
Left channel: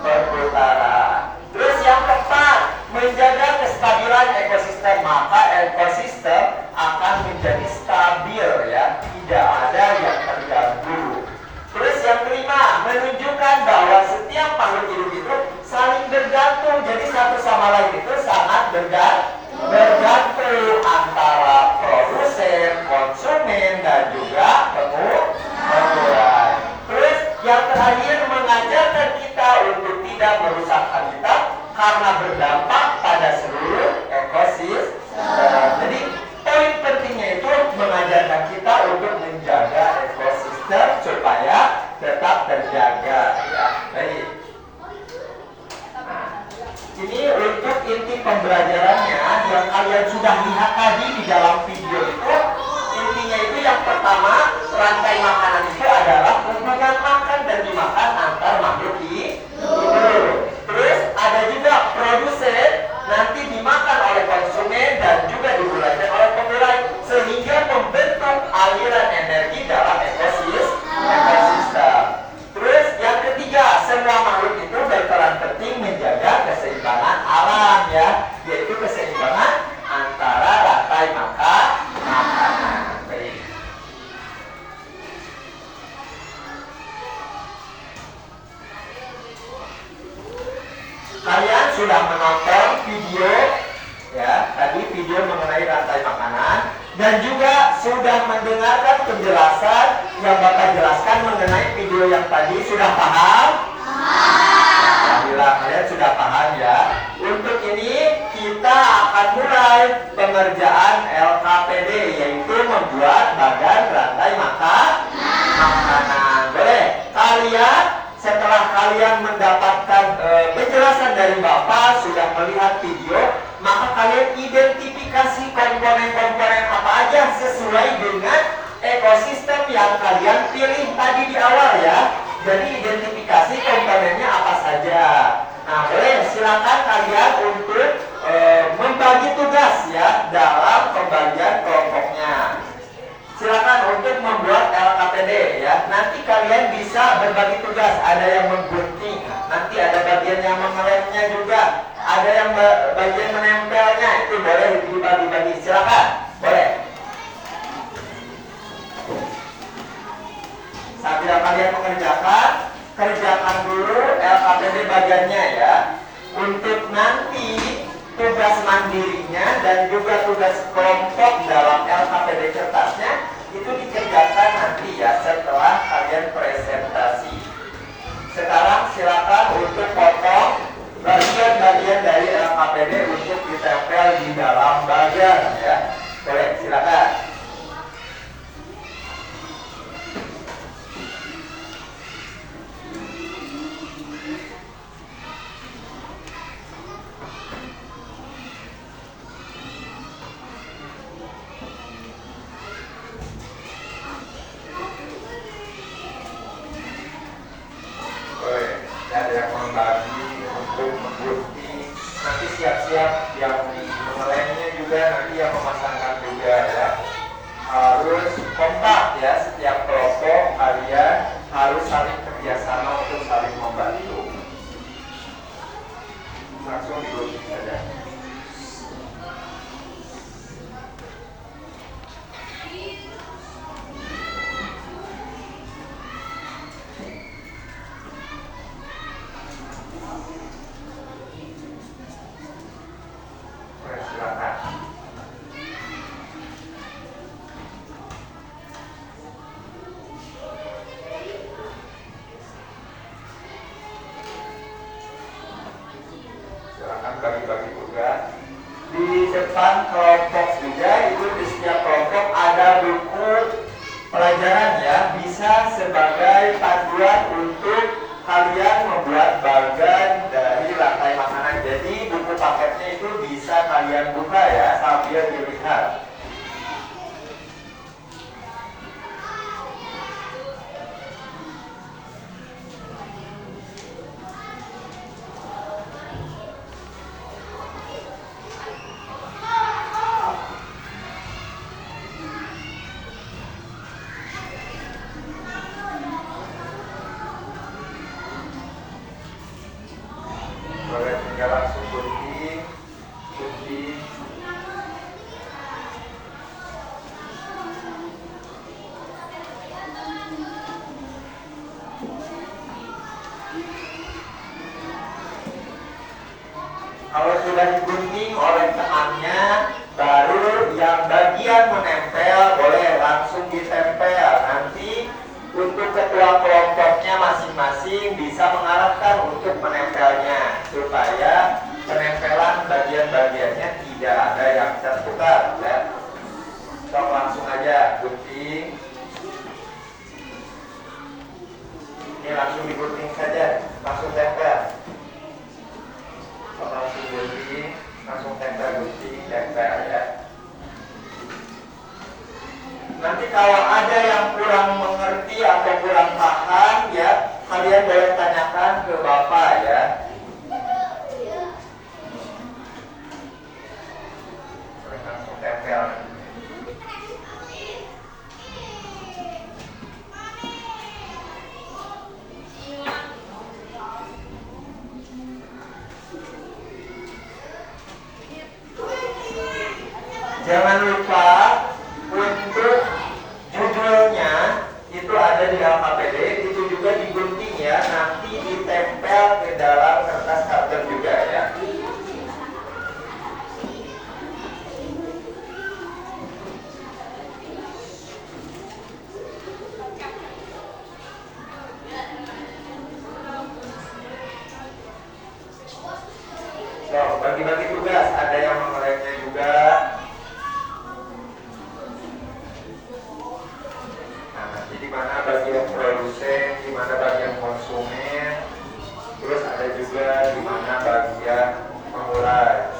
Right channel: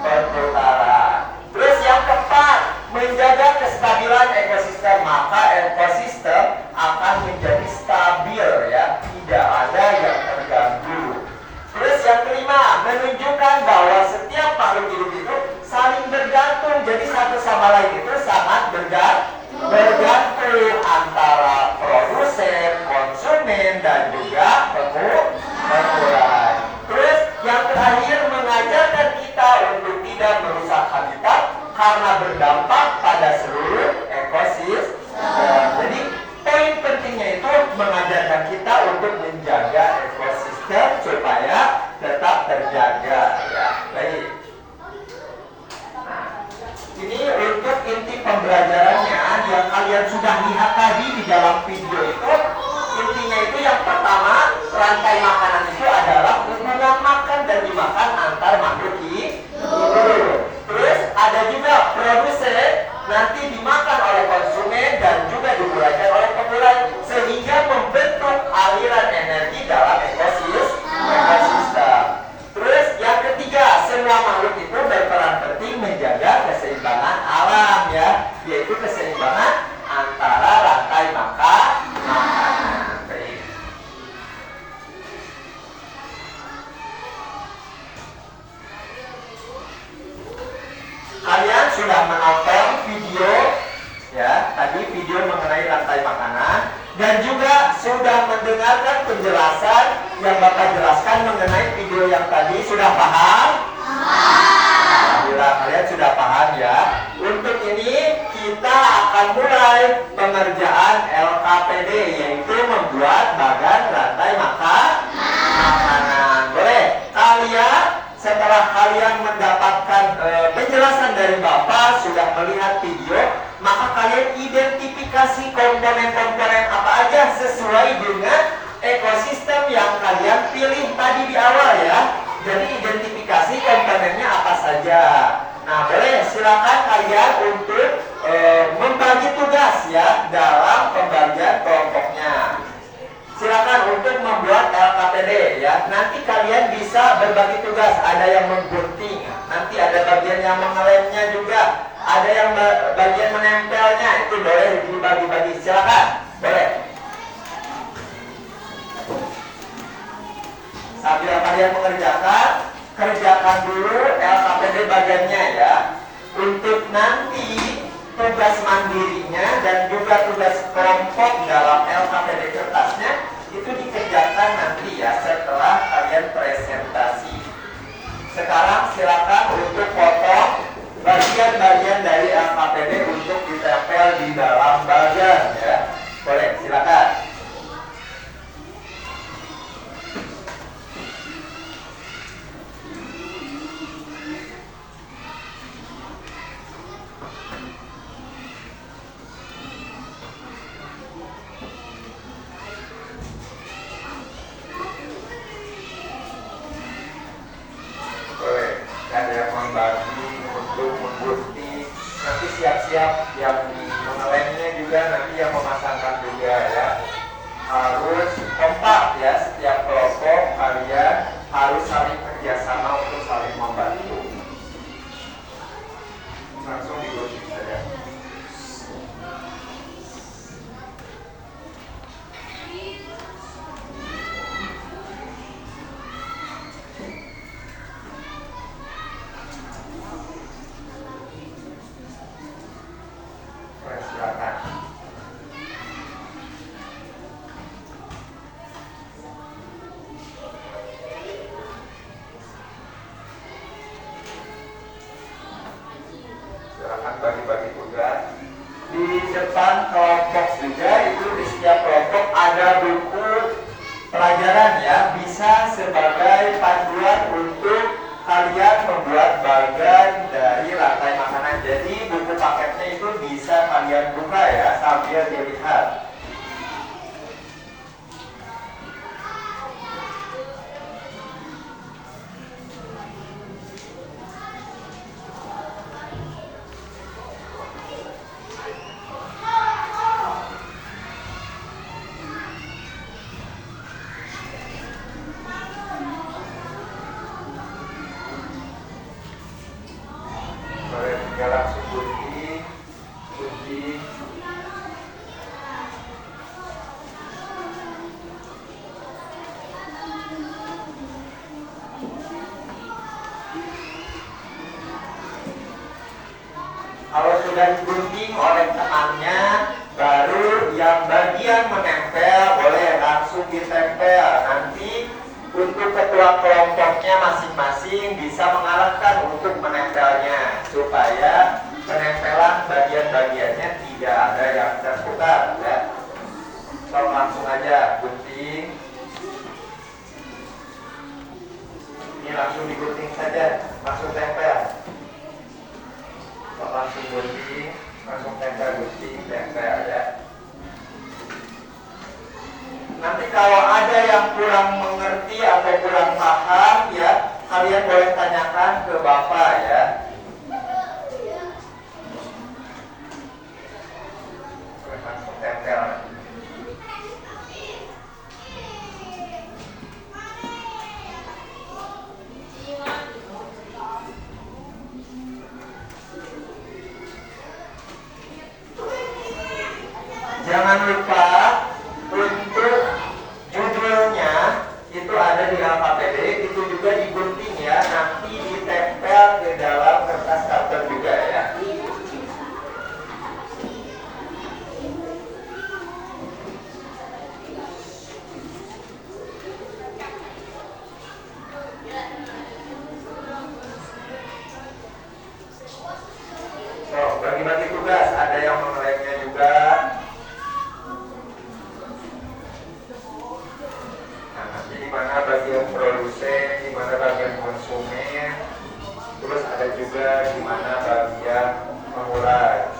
perputaran. Terus yang keempat, menjaga kestabilan ekosistem. Maka ekosistem akan menjadi stabil, ya, tidak ada yang terganggu. Terus yang kelima, menunjukkan bahwa setiap makhluk hidup itu saling bergantung. Jadi satu sama lain itu sangat bergantung antara produsen, konsumen, dan juga penggunaan. Terus yang terakhir, mengajarkan kita untuk tidak merusak habitat karena berdampak pada seluruh ekosistem. Jadi poin pentingnya itu mengajarkan kita untuk menjaga ekosistem supaya tetap terjaga, ya. Baik. Nah, ini untuk inti pembelajarannya yang kalian sudah lihat tadi di dalam video itu. Intinya itu yang pertama, rantai makanan itu adalah hubungan makan dan dimakan antar makhluk hidup. Terus ada juga produsen, nanti dimakan oleh konsumen dan juga digunakan oleh penggunaan, sehingga membentuk aliran energi dalam ekosistem. Terus yang ketiga, semua makhluk itu berperan penting menjaga keseimbangan alam, ya, yaitu keseimbangan antara rantai makanan. Baik. Kalian sudah menonton video, ya, tadi video mengenai rantai makanan, dan juga sudah mendengarkan penjelasan yang Bapak jelaskan mengenai video yang tadi. Sudah paham? Alhamdulillah kalian sudah paham, ya. Untuk ini kita akan mulai pengerjaan LKPD, yaitu membuat bagan rantai makanan. Boleh? Kalian setelah kalian mendapatkan penjelasan dari Bapak, sudah melihat video, maka kalian identifikasi komponen-komponen apa aja sesuai dengan ekosistem yang kalian pilih tadi di awal, ya. Jadi identifikasi komponennya apa saja. Nah, boleh silakan kalian untuk membagi tugas, ya, dalam pembagian kelompoknya. Silakan untuk membuat LKPD, ya. Nanti kalian bisa berbagi tugas. Ada yang menggunting, nanti ada bagian yang mengelemnya juga, ada yang bagian menempelnya. Itu boleh dibagi-bagi. Silakan, boleh. Sambil kalian mengerjakan, kerjakan dulu LKPD bagiannya, ya. Untuk nanti tugas mandirinya dan juga tugas kelompok dalam LKPD kertasnya itu dikerjakan nanti, ya, setelah kalian presentasi. Sekarang silakan untuk potong bagian-bagian dari LKPD untuk ditempel di dalam bagan, ya. Boleh, silakan. Ada yang membagi untuk menggunting, nanti siap-siap yang mengelemnya juga, nanti yang memasangkan juga, ya. Harus kompak, ya, setiap kelompok kalian harus saling kerjasama untuk saling membantu. Langsung digunting saja. bagi-bagi tugas. Di depan kelompok juga itu di setiap kelompok ada buku pelajaran ya, bisa sebagai panduan untuk kalian membuat bagan dari rantai makanan. Jadi buku paketnya itu bisa kalian buka ya sambil dilihat. Boleh tinggal langsung gunting. Kalau sudah digunting oleh temannya, baru yang bagian menempel boleh langsung ditempel. Nanti untuk ketua kelompoknya masing-masing bisa mengarahkan untuk menempelnya supaya penempelan bagian-bagiannya tidak ada yang terputar ya. So, langsung aja gunting. Ini langsung digunting saja, langsung tempel. So, langsung gunting, langsung tempel, gunting, tempel ya. Nanti kalau ada yang kurang mengerti atau kurang paham ya, kalian boleh tanyakan ke Bapak ya. Langsung tempel. Jangan lupa untuk judulnya itu ada di LKPD, itu juga digunting ya, nanti ditempel ke dalam kertas karton juga ya. So, bagi-bagi tugas, ada yang mengelengnya juga. Di mana bagian produsen, di mana bagian konsumen, terus ada juga di mana bagian pemulai.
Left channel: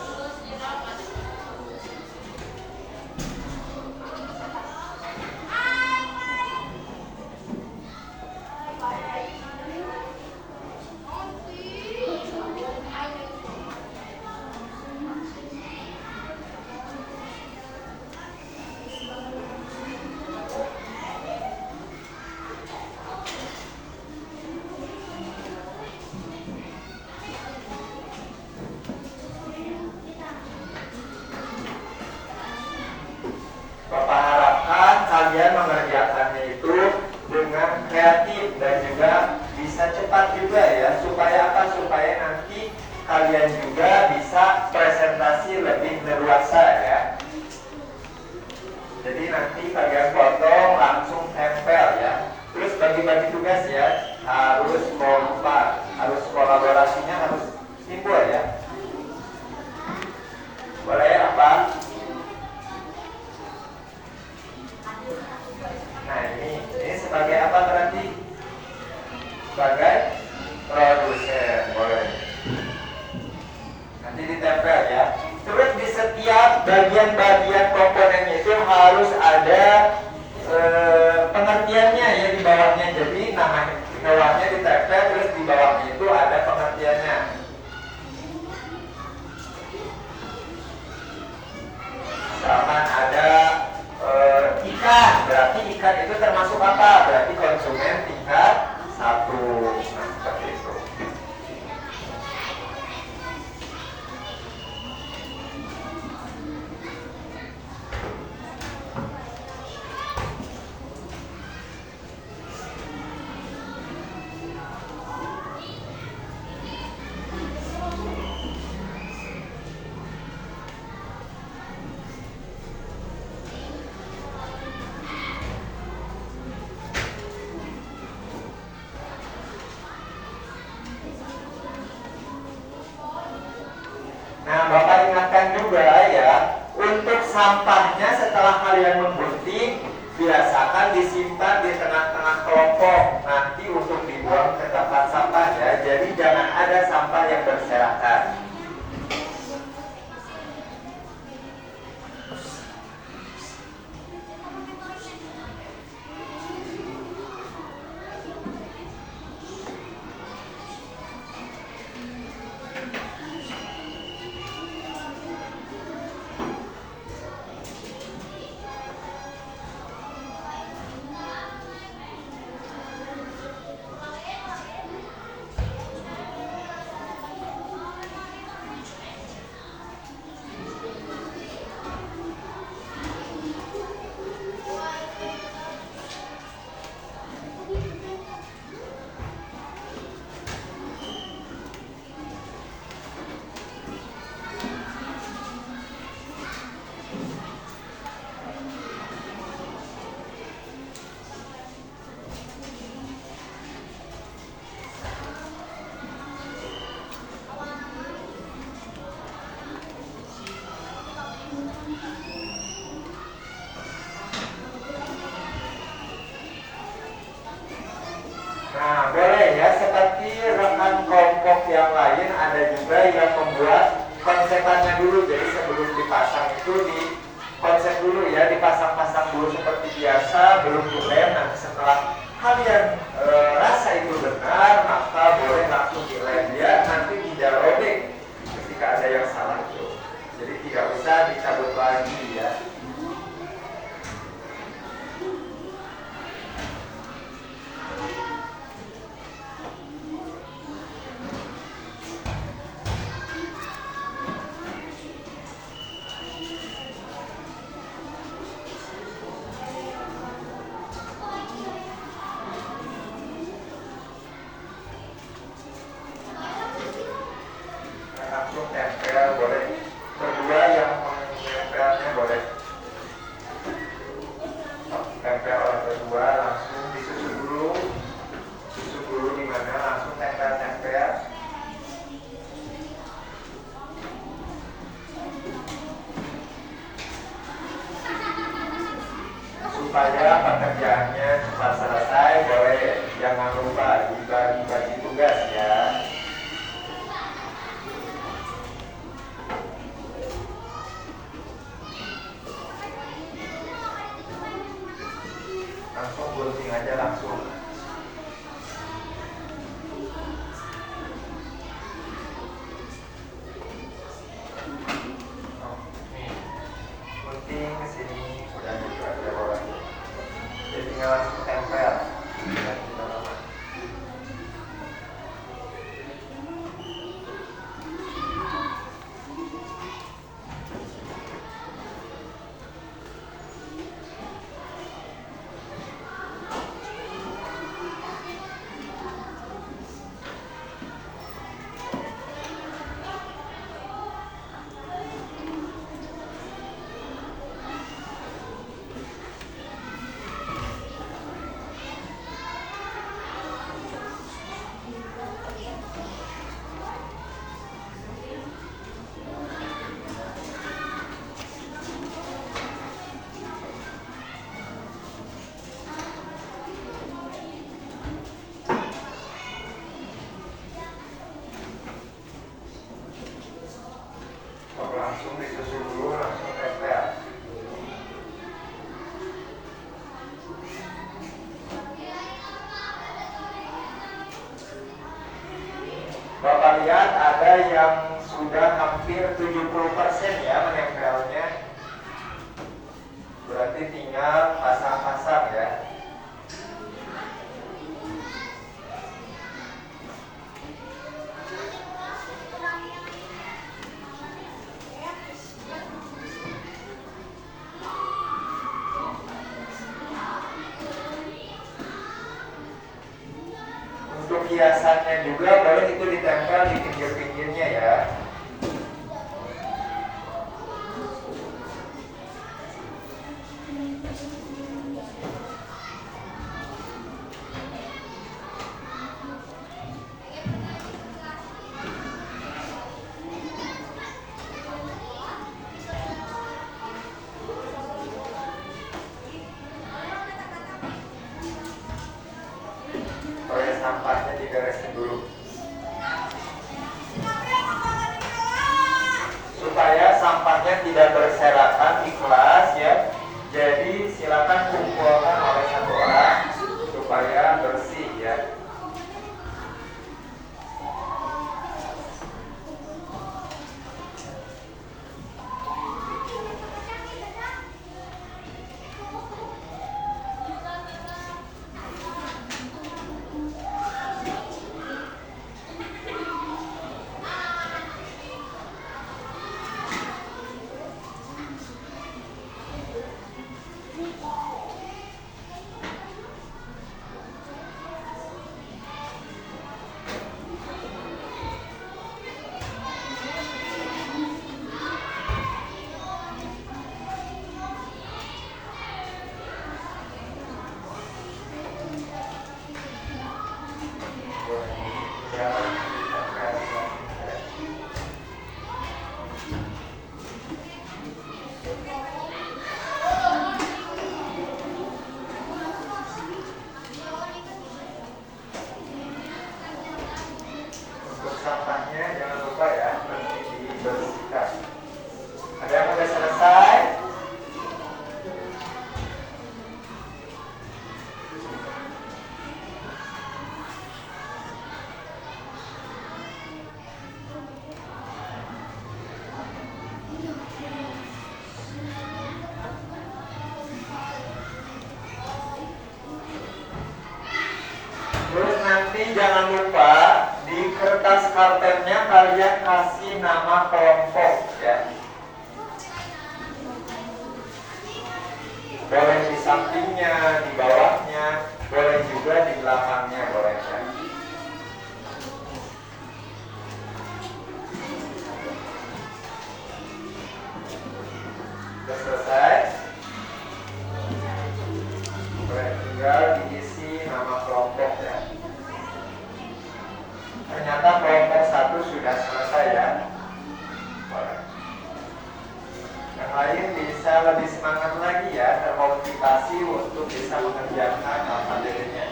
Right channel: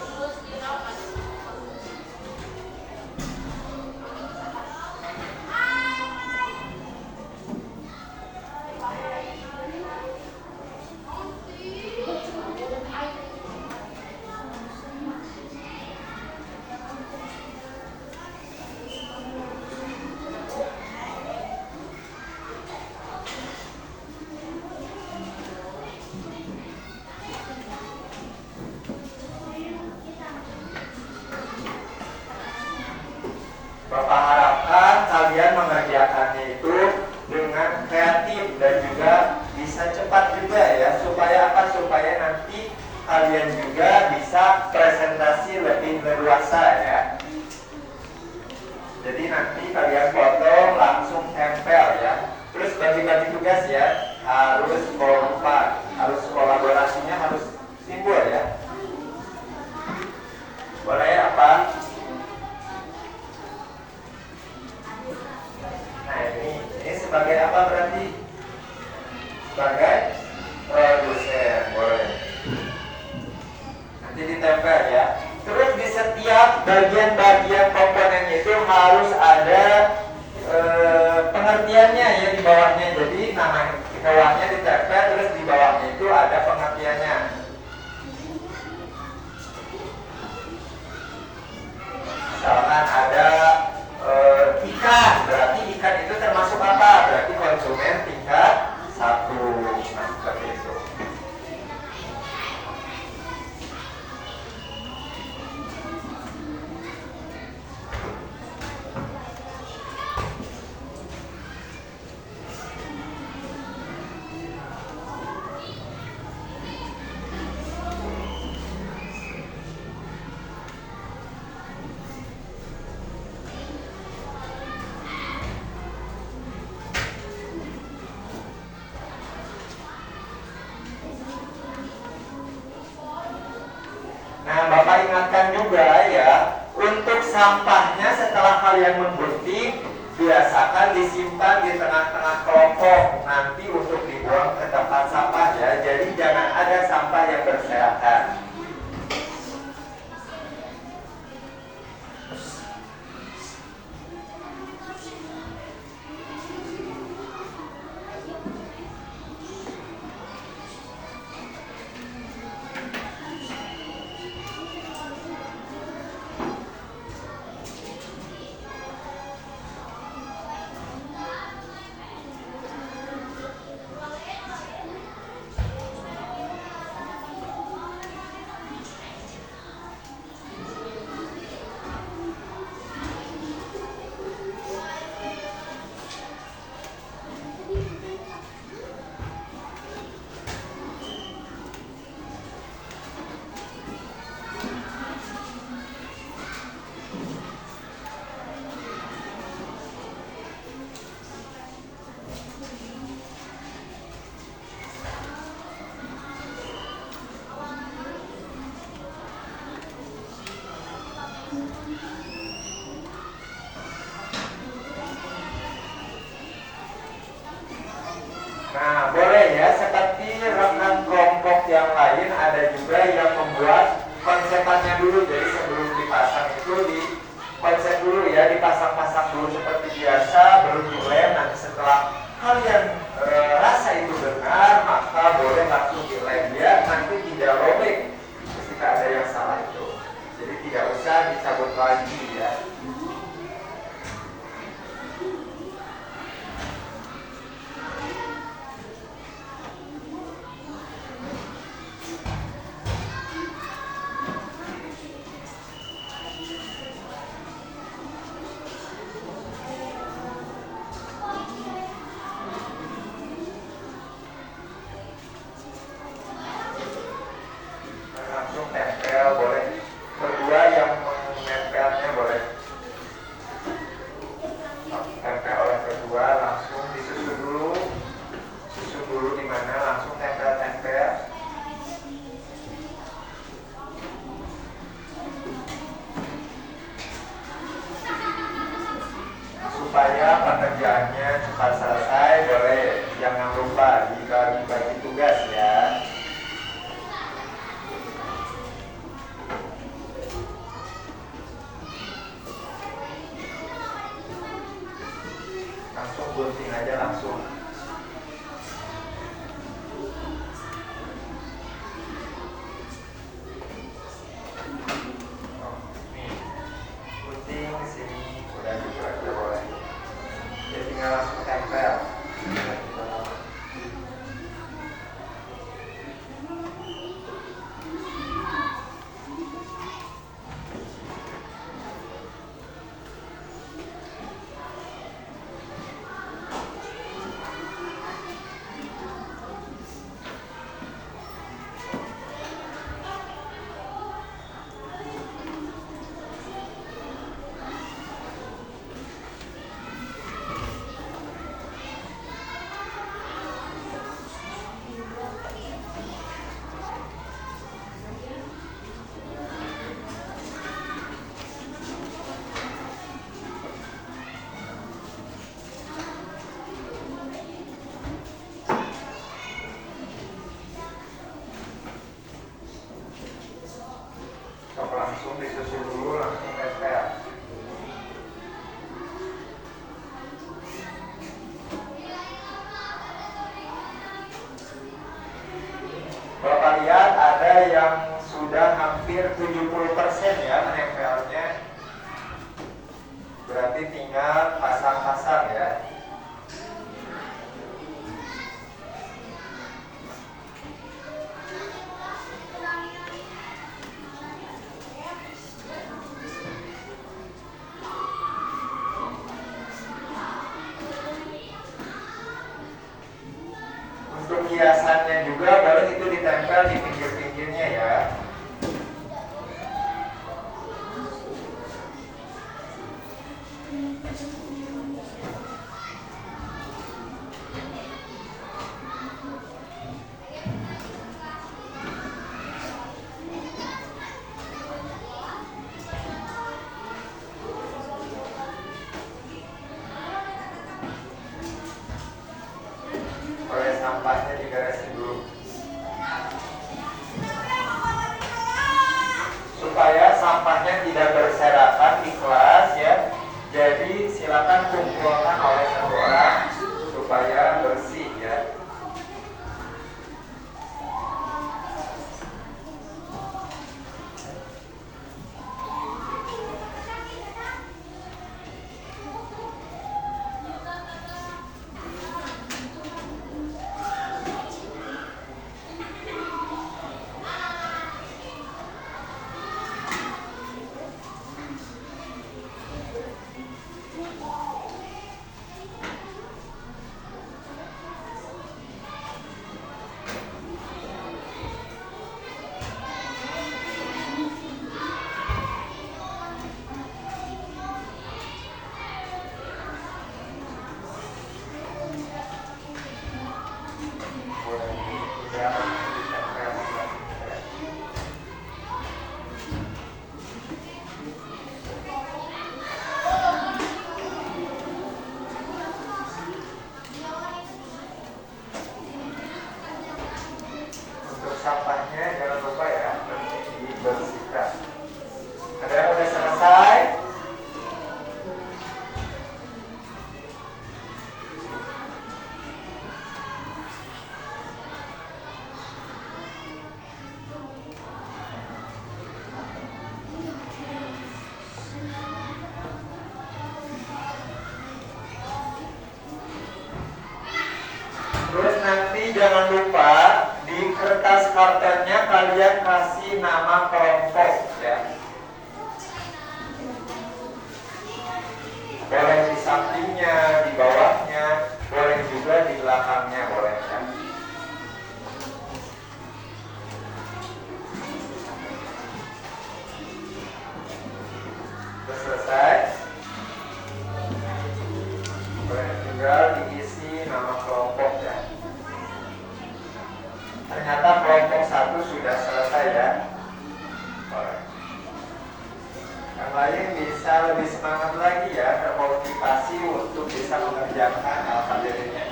Bapak harapkan kalian mengerjakannya itu dengan kreatif dan juga bisa cepat juga ya. Supaya apa? Supaya nanti kalian juga bisa presentasi lebih leluasa ya. Jadi nanti kalian potong langsung tempel ya. Terus bagi-bagi tugas ya, harus kompak, harus kolaborasinya harus timbul ya. Boleh ya apa? Nah ini sebagai apa berarti? Sebagai produsen, boleh. Nanti ditempel ya. Terus di setiap bagian-bagian komponennya itu harus ada pengertiannya ya di bawahnya. Jadi nama hewannya ditempel, terus di bawahnya itu ada pengertiannya. Misalkan ada ikan, berarti ikan itu termasuk apa? Berarti konsumen tingkat 1. Nah, seperti itu. Untuk sampahnya setelah kalian menggunting, biasakan disimpan di tengah-tengah kelompok nanti untuk dibuang ke tempat sampah ya. Jadi jangan ada sampah yang berserakan. Nah, boleh ya, seperti rekan kelompok yang lain ada juga yang membuat konsepannya dulu. Jadi sebelum dipasang itu di konsep dulu ya, dipasang-pasang dulu seperti biasa, belum dilem. Nanti setelah kalian rasa itu benar, maka boleh langsung dilem ya, nanti tidak robek ketika ada yang salah itu. Jadi tidak usah dicabut lagi ya. Langsung tempel boleh, kedua yang menempelnya boleh tempel oleh kedua, langsung disusun dulu di mana, langsung tempel supaya pekerjaannya cepat selesai. Boleh jangan lupa dibagi-bagi tugas ya. Langsung gunting aja langsung. Nih, gunting ke sini udah gitu aja boleh. Jadi tinggal langsung tempel. Langsung disusun dulu, langsung tempel. Bapak lihat ada yang sudah hampir 70% ya menempelnya. Berarti tinggal pasang-pasang ya. Untuk hiasannya juga boleh itu ditempel di pinggir-pinggirnya ya. sampahnya tidak berserakan di kelas ya. Jadi silakan kumpulkan oleh satu orang supaya bersih ya. Sampahnya jangan lupa ya, dibersihkan. Ada yang udah selesai? Terus nanti jangan lupa di kertas kartonnya kalian kasih nama kelompok ya. Boleh di sampingnya, di bawahnya, boleh juga di belakangnya, boleh ya. Sudah selesai? Boleh tinggal diisi nama kelompok ya. Ternyata kelompok 1 sudah selesai ya. Boleh. Yang lain bisa lebih semangat lagi ya, termotivasi untuk bisa mengerjakan alfabetnya.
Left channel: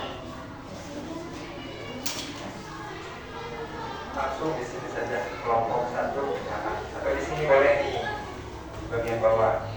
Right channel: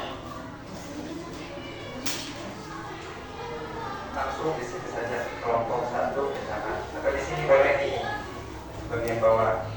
Langsung di sini saja kelompok 1 misalkan. Atau di sini boleh nih, bagian bawah.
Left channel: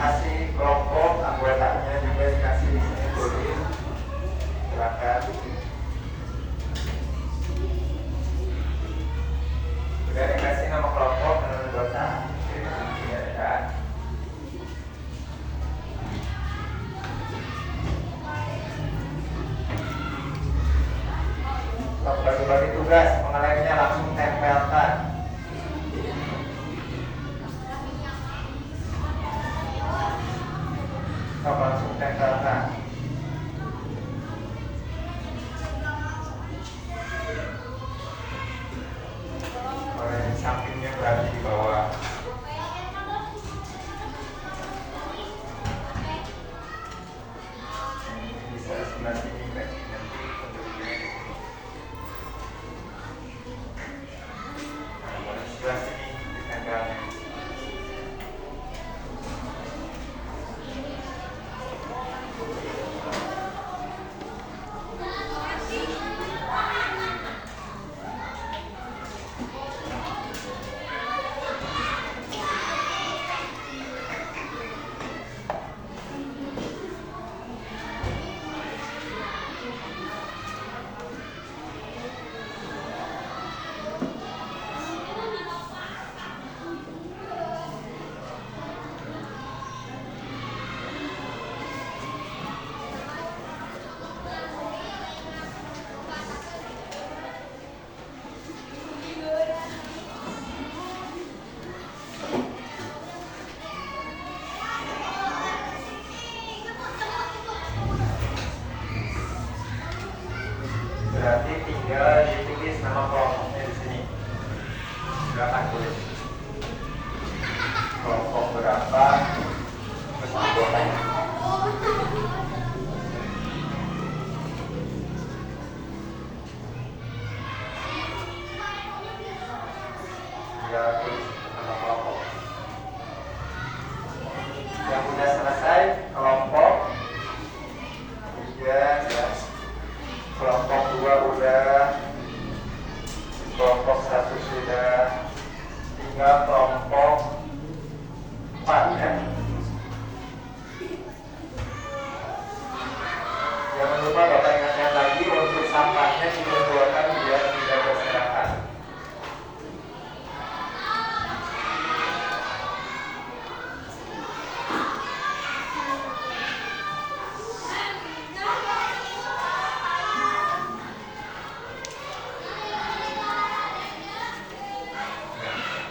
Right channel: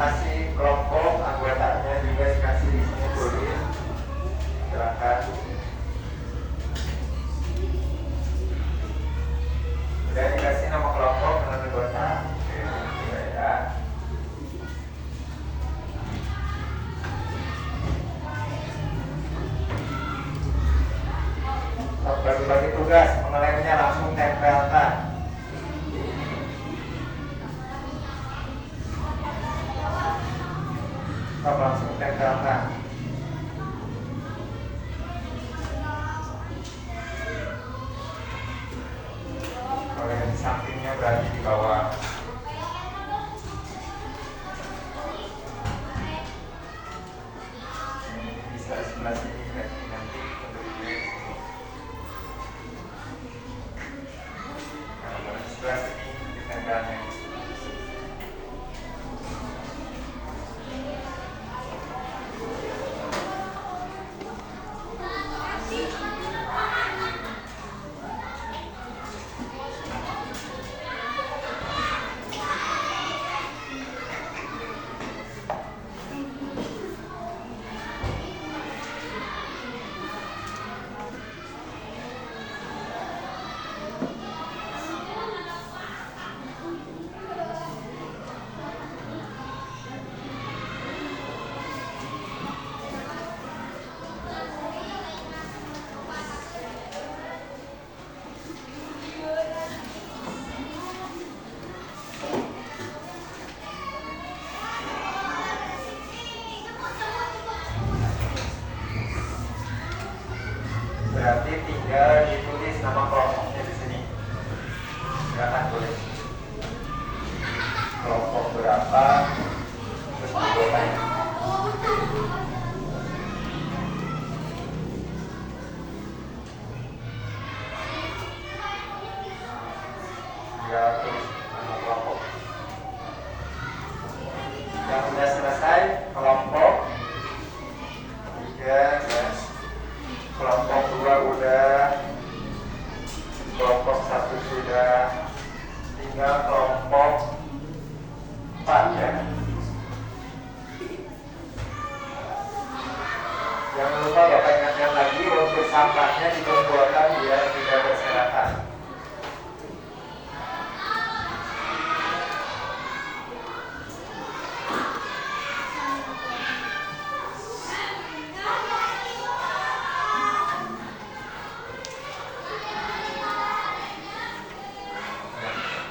Kasih kelompok anggotanya juga dikasih di sini tulis. Silakan. Udah dikasih nama kelompok dan anggota. Ya. Bagi-bagi tugas, pengelengnya langsung tempelkan. Langsung tempelkan. Kalau yang sampingnya berada di bawah. Ini bisa di sebelah sini nanti tentunya di sini. Nah, kalau sebelah sini ditempelnya. Berarti tinggal ditulis nama kelompoknya di sini. Silakan tulis kelompok berapa, terus anggotanya. Jangan lupa Bapak ingatkan lagi untuk sampahnya dikumpulkan biar tidak berserakan.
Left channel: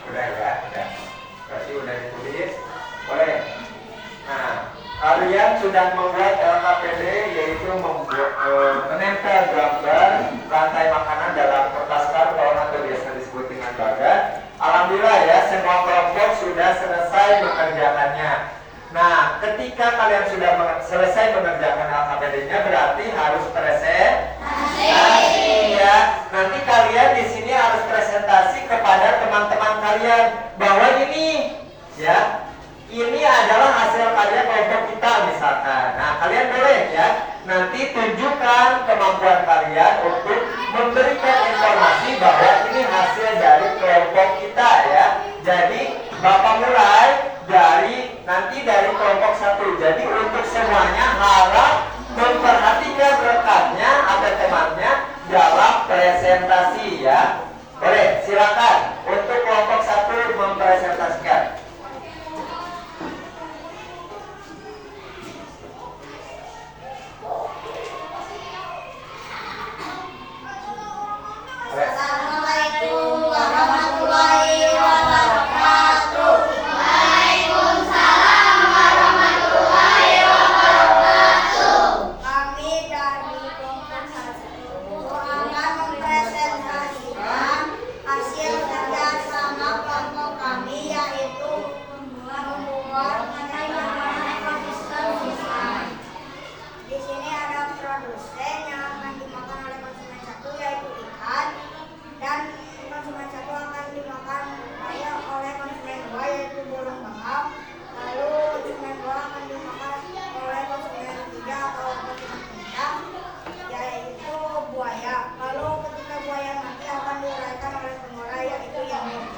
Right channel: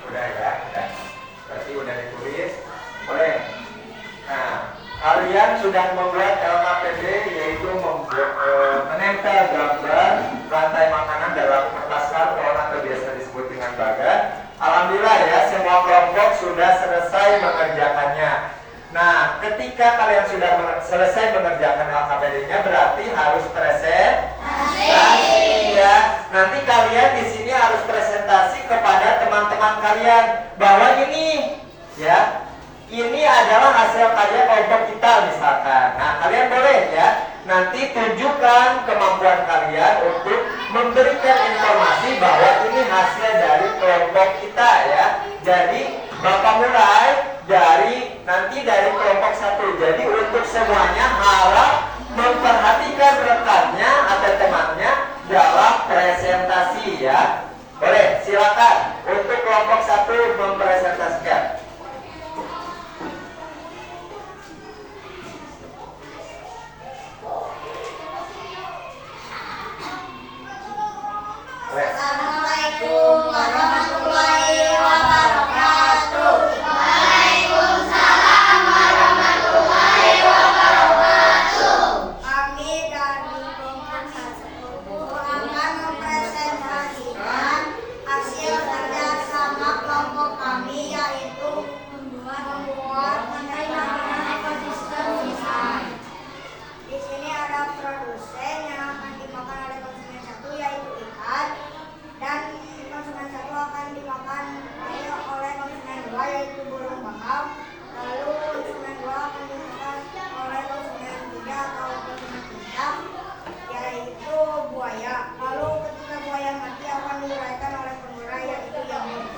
Udah ya, udah. Berarti udah ditulis. Boleh. Nah, kalian sudah membuat LKPD, yaitu menempel gambar rantai makanan dalam kertas karton atau biasa disebut dengan bagan. Alhamdulillah ya, semua kelompok sudah selesai mengerjakannya. Nah, ketika kalian sudah selesai mengerjakan LKPD-nya, berarti harus presentasi ya. Nanti kalian di sini harus presentasi kepada teman-teman kalian bahwa ini ya, ini adalah hasil karya kelompok kita misalkan. Nah, kalian boleh ya nanti tunjukkan kemampuan kalian untuk memberikan informasi bahwa ini hasil dari kelompok kita ya. Jadi Bapak mulai dari kelompok 1. Jadi untuk semuanya harap memperhatikan rekannya atau temannya dalam presentasi ya. Boleh, silakan untuk kelompok 1 mempresentasikan. Assalamualaikum warahmatullahi wabarakatuh. Waalaikumsalam warahmatullahi wabarakatuh. Kami dari kelompok 1 akan mempresentasikan hasil kerjasama kelompok kami, yaitu membuat makanan ekosistem desain. Di sini ada produsen yang akan dimakan oleh konsumen 1, yaitu ikan, dan konsumen 1 akan dimakan oleh konsumen 2, yaitu burung bangau. Lalu konsumen 2 akan dimakan oleh konsumen 3 atau konsumen udang, yaitu buaya. Lalu ketika buaya mati akan diuraikan oleh pengurai, yaitu nyamuk.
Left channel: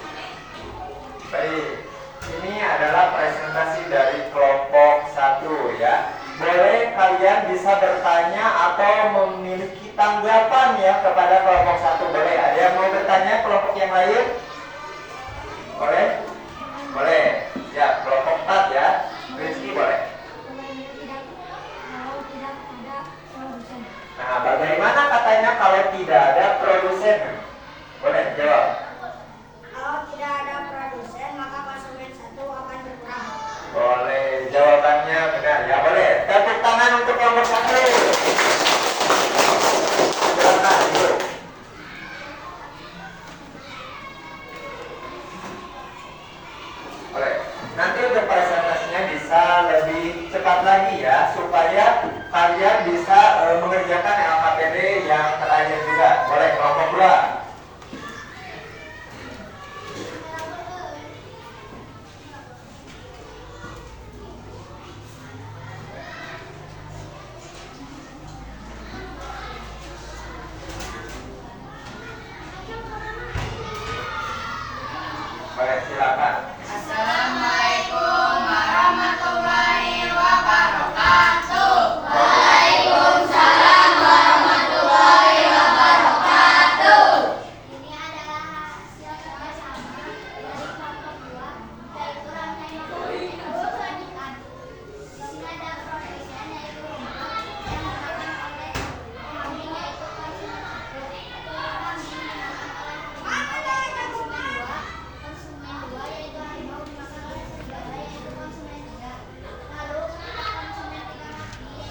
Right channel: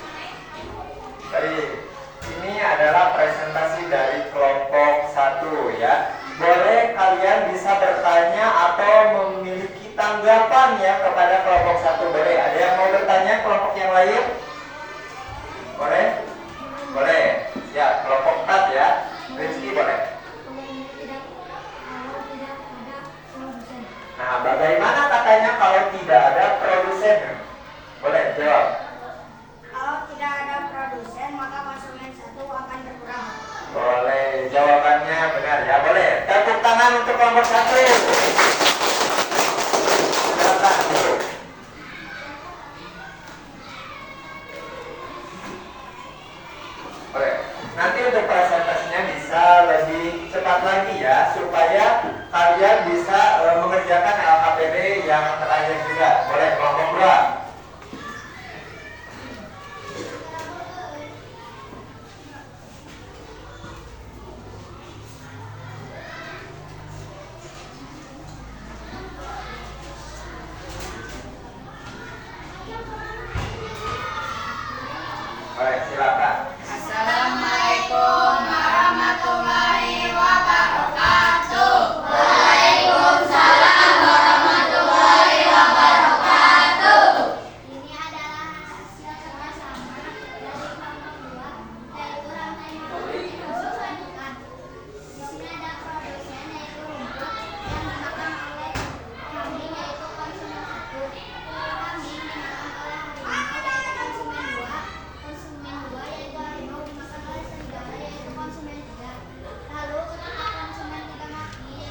Baik, ini adalah presentasi dari kelompok 1 ya. Boleh kalian bisa bertanya atau memiliki tanggapan ya kepada kelompok 1. Boleh, ada yang mau bertanya kelompok yang lain? Boleh? Boleh. Ya, kelompok 4 ya. Rizky boleh. Nah, bagaimana katanya kalau tidak ada produsen? Boleh jawab. Kalau tidak ada produsen, maka konsumen 1 akan berkurang. Boleh, jawabannya benar ya. Boleh, tepuk tangan untuk kelompok 1. Silakan dulu. Boleh. Nanti untuk presentasinya bisa lebih cepat lagi ya, supaya kalian bisa mengerjakan LKPD yang terakhir juga. Boleh, kelompok 2. Boleh, silakan. Assalamualaikum warahmatullahi wabarakatuh. Waalaikumsalam warahmatullahi wabarakatuh. Ini adalah hasil kerjasama dari kelompok 2, yaitu rantai makanan ekosistem ikan. Di sini ada produsen, yaitu rumput, yang dimakan oleh kambing, yaitu konsumen 1. Telur kambing dimakan oleh harimau, yaitu konsumen 2. Konsumen 2 yaitu harimau dimakan oleh serigala, yaitu konsumen 3. Lalu ketika konsumen 3 mati,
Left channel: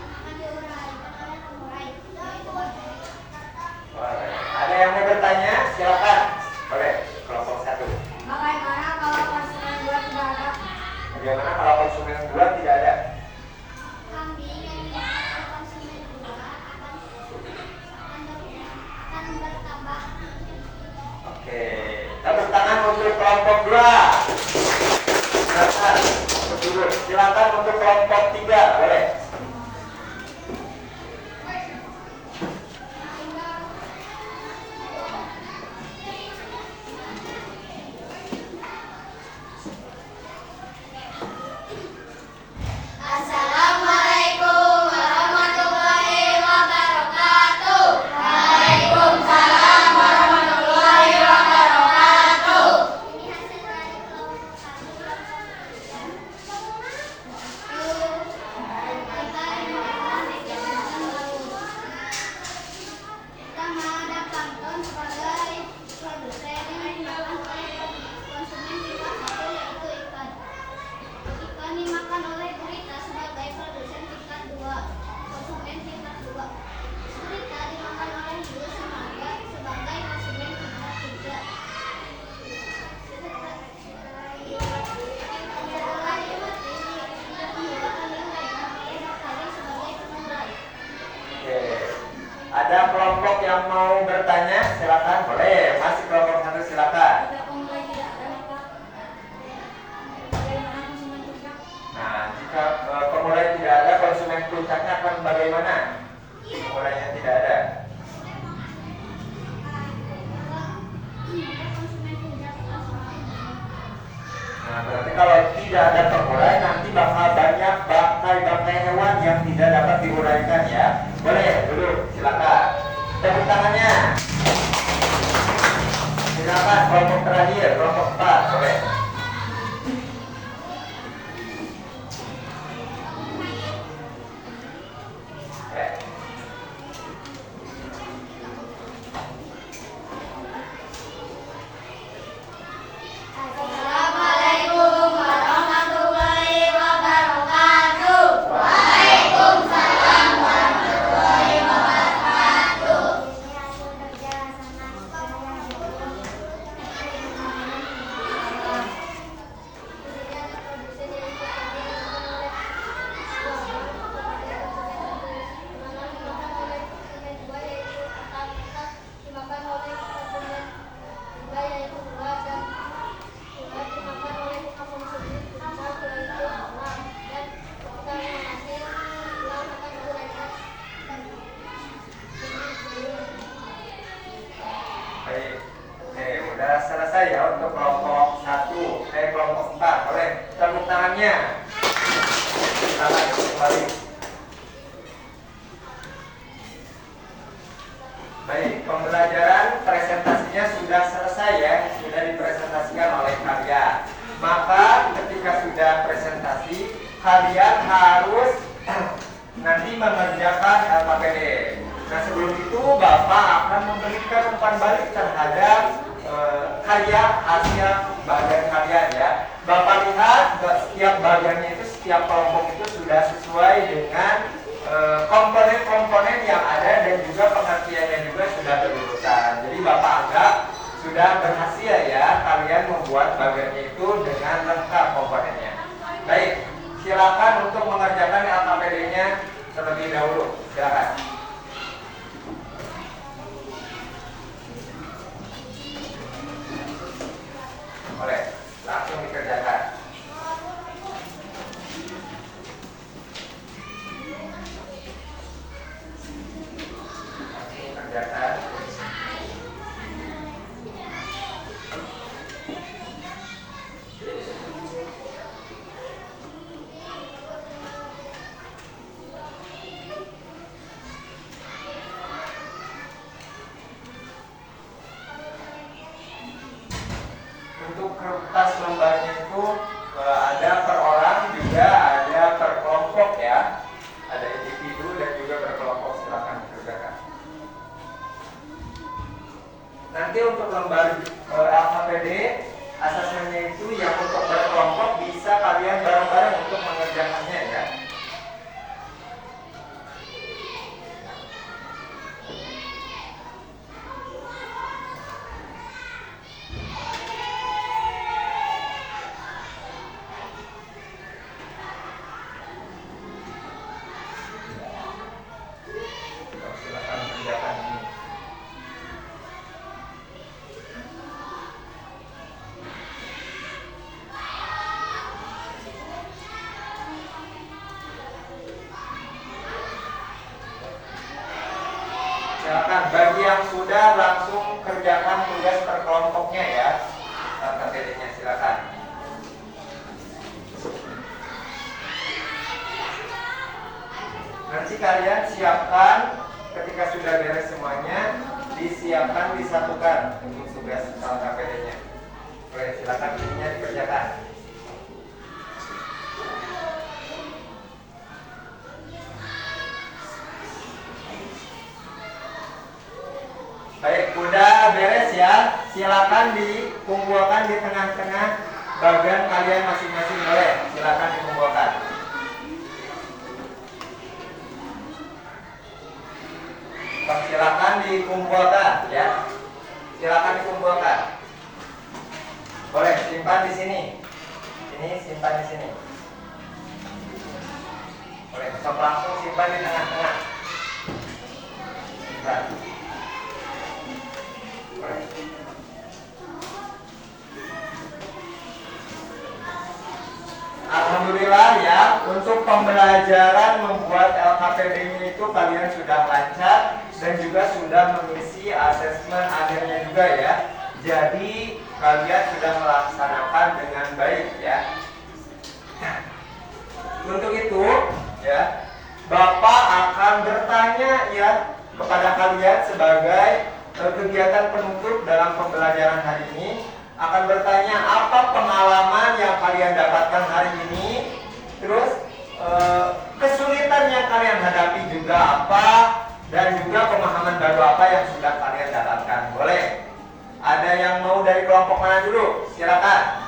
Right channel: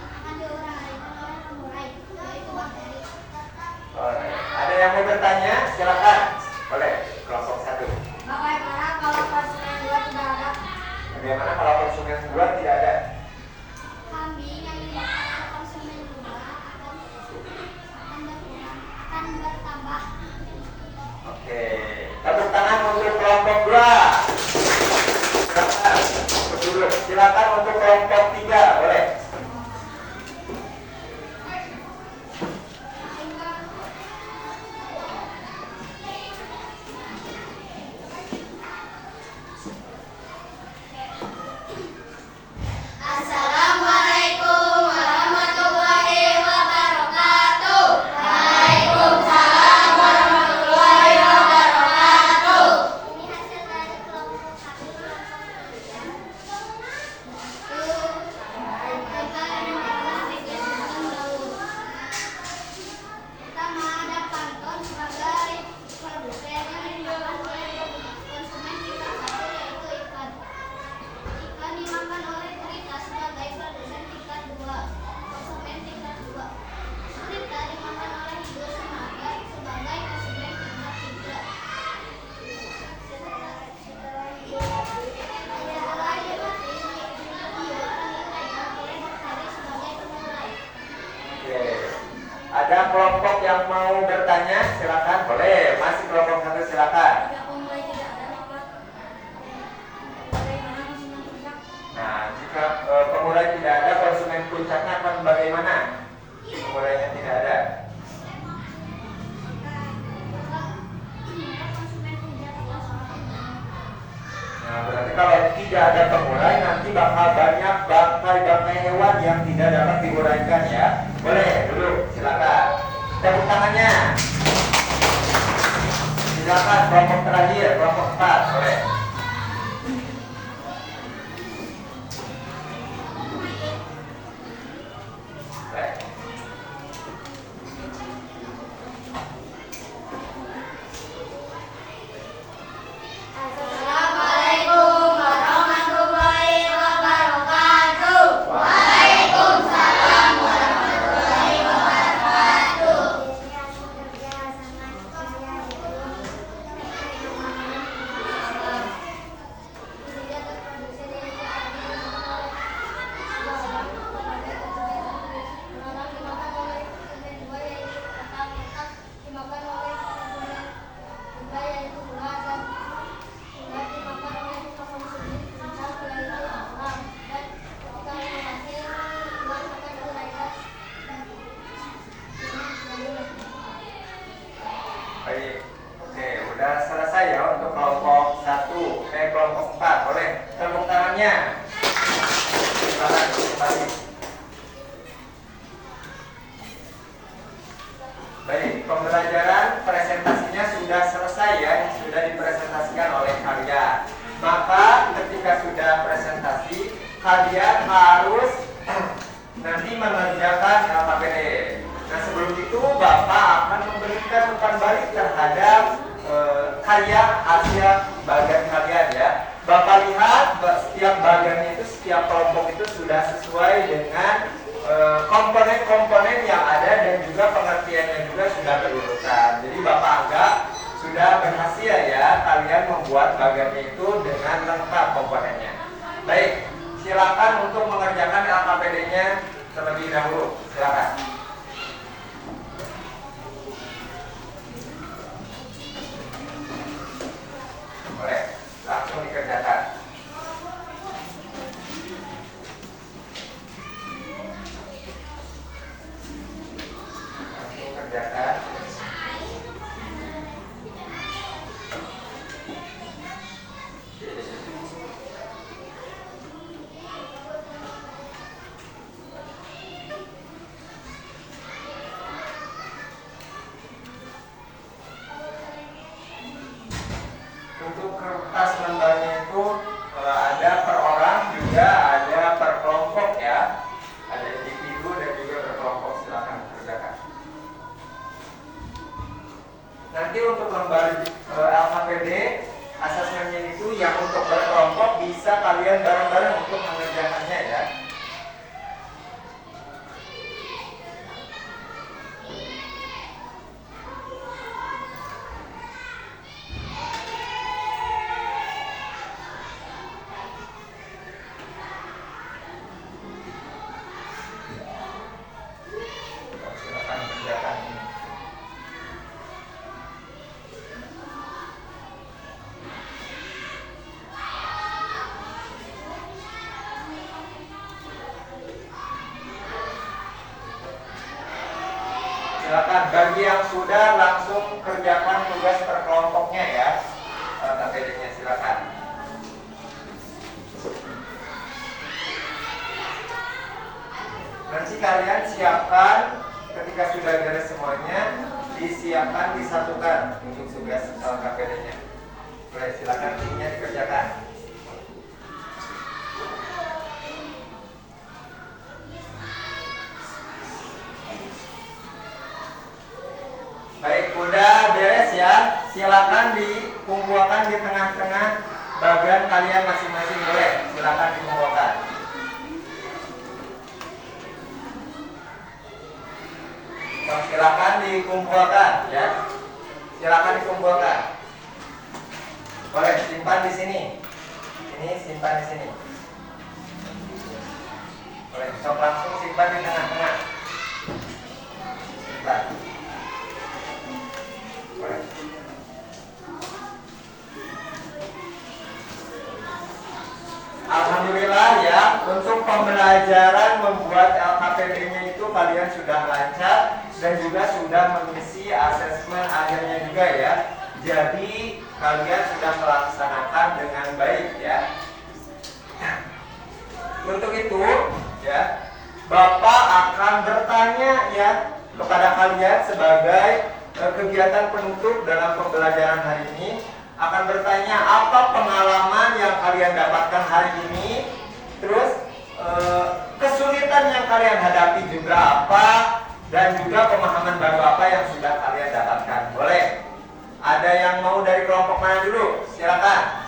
akan diuraikan oleh pengurai, yaitu bakteri. Boleh. Ada yang mau bertanya? Silakan. Boleh, kelompok 1. Bagaimana kalau konsumen 2 tidak ada? Bagaimana kalau konsumen 2 tidak ada? Kambing yang dimakan oleh konsumen 2 akan bertambah. Oke, tepuk tangan untuk kelompok 2. Silakan berduduk. Silakan untuk kelompok 3. Boleh. Pertama, ada Pantone sebagai produsen yang dimakan oleh konsumen tingkat 1 yaitu ikan. Ikan dimakan oleh gurita sebagai produsen tingkat 2, konsumen tingkat 2. Gurita dimakan oleh hiu sebagai konsumen tingkat 3. Setelah hiu mati, hiu akan diuraikan oleh bakteri sebagai pengurai. Oke. Ada kelompok yang mau bertanya? Silakan. Boleh. Masih kelompok 1 silakan. Jika pemulai tidak ada, maka bagaimana konsumen puncak? Nah, jika pemulai tidak ada, konsumen puncaknya akan bagaimana? Pemulainya tidak ada. Konsumen puncak adalah seorang. Nah, berarti kalau tidak ada pemulai, nanti bakal banyak bangkai-bangkai hewan yang tidak dapat diuraikan ya. Boleh, dulu silakan. Tepuk tangannya. Silakan kelompok terakhir, kelompok 4, boleh. Boleh. Assalamualaikum warahmatullahi wabarakatuh. Waalaikumsalam warahmatullahi wabarakatuh. Baik. Oke, udah selesai ya untuk kelompok 1. Kelompok 4, boleh. Tepuk tangannya. Silakan kembali. Baik, pembelajaran presentasinya sudah selesai ya, sudah dipresentasikan oleh kalian. Maka ketika sudah presentasi, kalian harus nanti mengerjakan LKPD. Nah, sebelum itu Bapak akan memberikan umpan balik terhadap karya hasil bagian kalian ya. Bapak lihat setiap bagiannya itu, setiap kelompok itu sudah sesuai dengan komponen-komponen yang ada dan juga pengertiannya juga sudah berurutan. Jadi Bapak anggap sudah berhasil ya kalian membuat bagiannya itu dengan lengkap komponennya. Baik, silakan untuk mengerjakan LKPD-nya terlebih dahulu. Silakan. Boleh, langsung dikerjakan. Langsung kerjakan. Untuk kertas lembarnya itu ada per orang juga ada per kelompok ya, ada individu dan juga per kelompok. Silakan kerjakan. Nanti untuk lembar LKPD asesmennya itu yang untuk berkelompok bisa kalian bareng-bareng untuk mengerjakannya ya. Silakan kerjakan ini. Silakan bagi yang sudah langsung kerjakan tugas per kelompoknya ya. KPD-nya silakan. Nanti kalian siapkan ketika sudah beres semuanya, disiapkan disatukan untuk tugas KPD-nya. Oke, silakan ininya dikerjakan. Baik, udah beres ya. Silakan dikumpulkan di tengah-tengah bagian kalian masing-masing, boleh. Silakan dikumpulkan. Silakan dikumpulkan ya. Silakan dikumpulkan. Boleh simpan di sini. Ini simpan di sini. Boleh, sok langsung simpan di tengah-tengah. Simpan. Boleh. Alhamdulillah ya, untuk pembelajaran membuat LKPD-nya itu kalian sudah lancar dan juga sudah mengisi asesmen akhirnya juga ya. Jadi kalian sudah melaksanakan dengan baik ya. Untuk itu ya, Bapak akan bertanya ya kepada kalian sebagai kegiatan penutup dalam pembelajaran hari ini. Akan bertanya apa pengalaman yang kalian dapatkan hari ini, terus kesulitan yang kalian hadapi juga apa, dan juga pemahaman baru apa yang sudah kalian dapatkan. Boleh? Ada yang mau dari kelompok mana dulu? Silakan.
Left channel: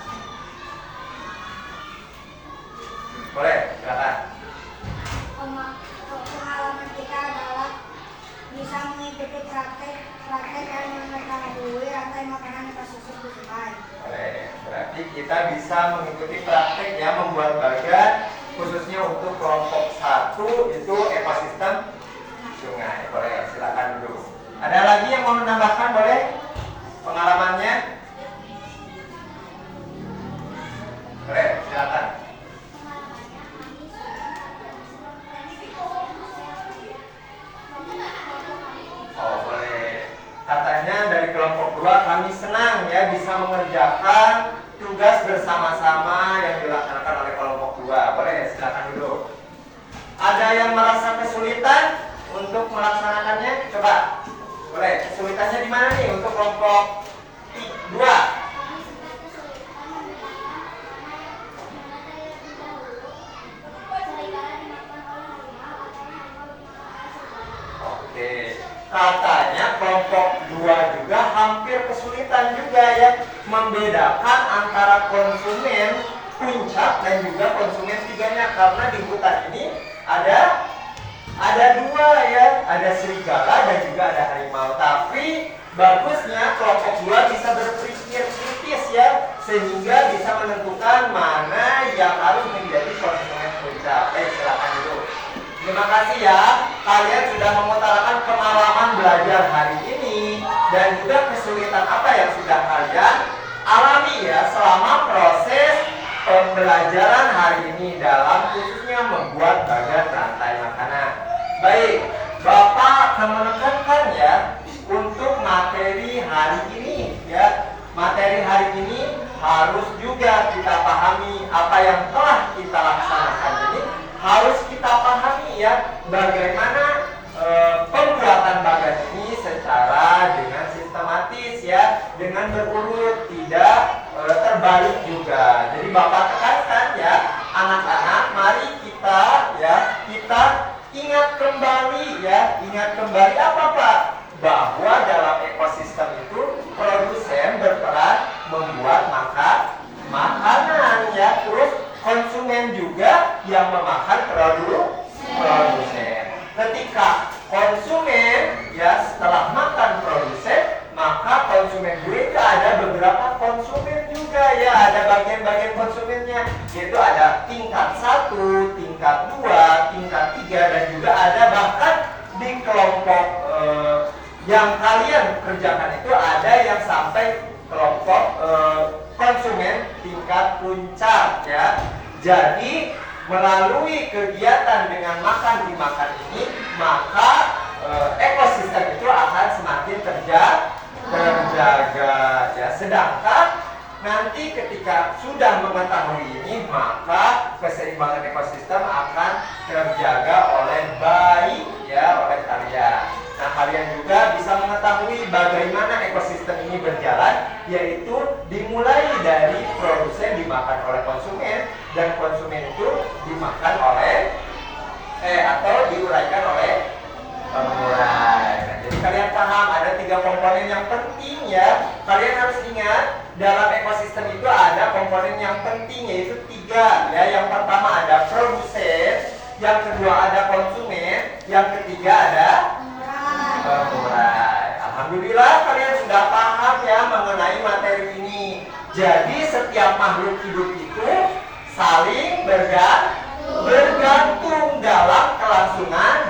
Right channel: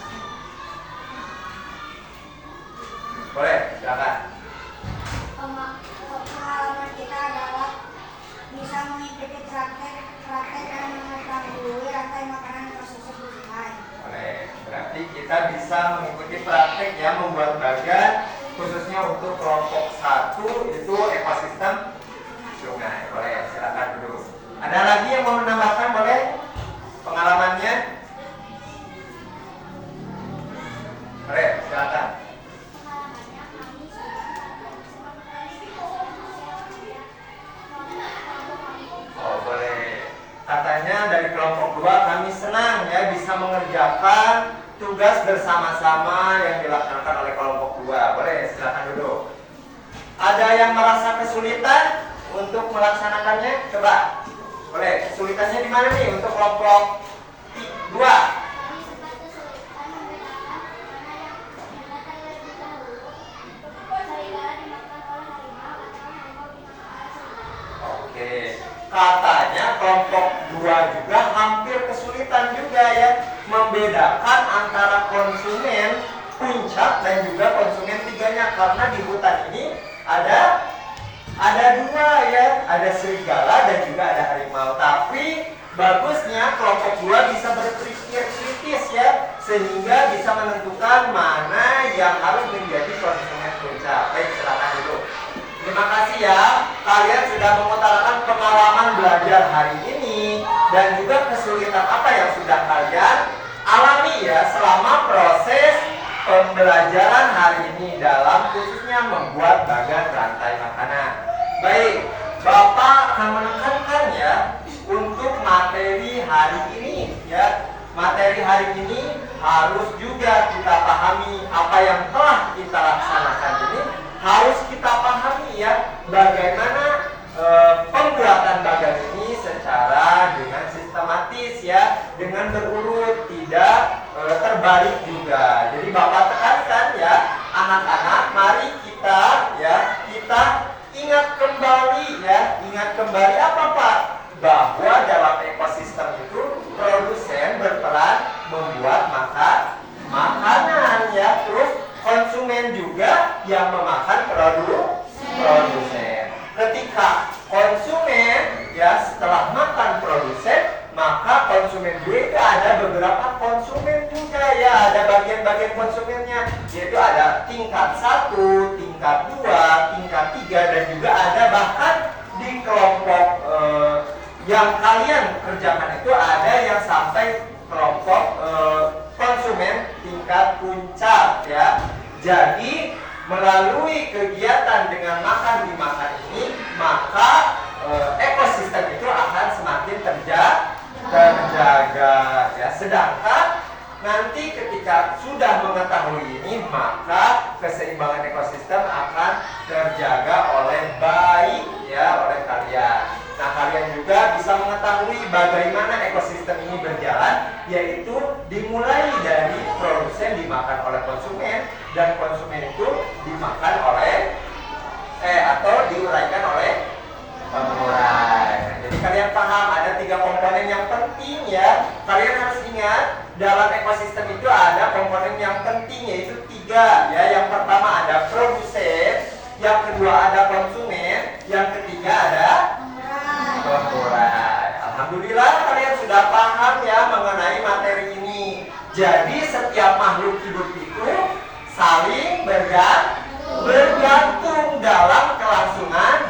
Boleh, silakan. Pengalaman kita adalah bisa mengikuti praktek dan mengetahui rantai makanan ekosistem di sungai. Boleh, berarti kita bisa mengikuti praktek ya, membuat bagan khususnya untuk kelompok 1 itu ekosistem sungai. Boleh, silakan dulu. Ada lagi yang mau menambahkan, boleh? Pengalamannya? Boleh, silakan. Oh, boleh. Katanya dari kelompok 2 kami senang ya bisa mengerjakan tugas bersama-sama yang dilaksanakan oleh kelompok 2. Boleh, silakan dulu. Ada yang merasa kesulitan untuk melaksanakannya? Coba. Boleh, kesulitannya di mana nih untuk kelompok 2? Oke, katanya kelompok 2 juga hampir kesulitan juga ya membedakan antara konsumen puncak dan juga konsumen tiganya, karena di hutan ini ada 2 ya, ada serigala dan juga ada harimau. Tapi bagusnya kelompok 2 bisa berpikir kritis ya, sehingga bisa menentukan mana yang harus menjadi konsumen puncak. Baik, silakan dulu. Terima kasih ya, kalian sudah mengutarakan pengalaman belajar hari ini dan juga kesulitan apa yang sudah kalian alami ya selama proses pembelajaran hari ini dalam khususnya membuat bagan rantai makanan. Baik, Bapak akan menekankan ya untuk materi hari ini ya. Materi hari ini harus juga kita pahami apa yang telah kita laksanakan ini, harus kita pahami ya bagaimana pembuatan bagan ini secara dengan sistematis ya, dengan berurut, tidak terbalik juga. Jadi Bapak tekankan ya, anak-anak, mari kita ingat kembali ya, ingat kembali apa Pak? Bahwa dalam ekosistem itu produsen berperan membuat makanan ya, terus konsumen juga yang memakan produsen. Ketika konsumen ya setelah makan produsen, maka konsumen juga ada beberapa konsumen juga ya, ada bagian-bagian konsumennya, yaitu ada tingkat 1, tingkat 2, tingkat 3, dan juga ada bahkan di kelompok yang kalian kerjakan itu ada yang sampai kelompok konsumen tingkat puncak ya. Jadi melalui kegiatan dengan makan dimakan ini, maka ekosistem itu akan semakin terjaga ya. Sedangkan nanti ketika sudah mengetahui ini, maka keseimbangan ekosistem akan terjaga oleh baik ya oleh kalian. Nah, kalian juga bisa mengetahui bagaimana ekosistem ini berjalan, yaitu dimulai dari produsen dimakan oleh konsumen, dan konsumen itu dimakan oleh atau diuraikan oleh pengurai. Jadi kalian paham ada 3 komponen ya, kalian harus ingat dalam ekosistem itu ada komponen yang penting yaitu 3 ya. Yang pertama ada produsen, yang kedua ada konsumen, yang ketiga ada korporat. Alhamdulillah kalian sudah paham ya mengenai materi ini. Jadi setiap makhluk hidup itu saling bergantung dalam kelangsungan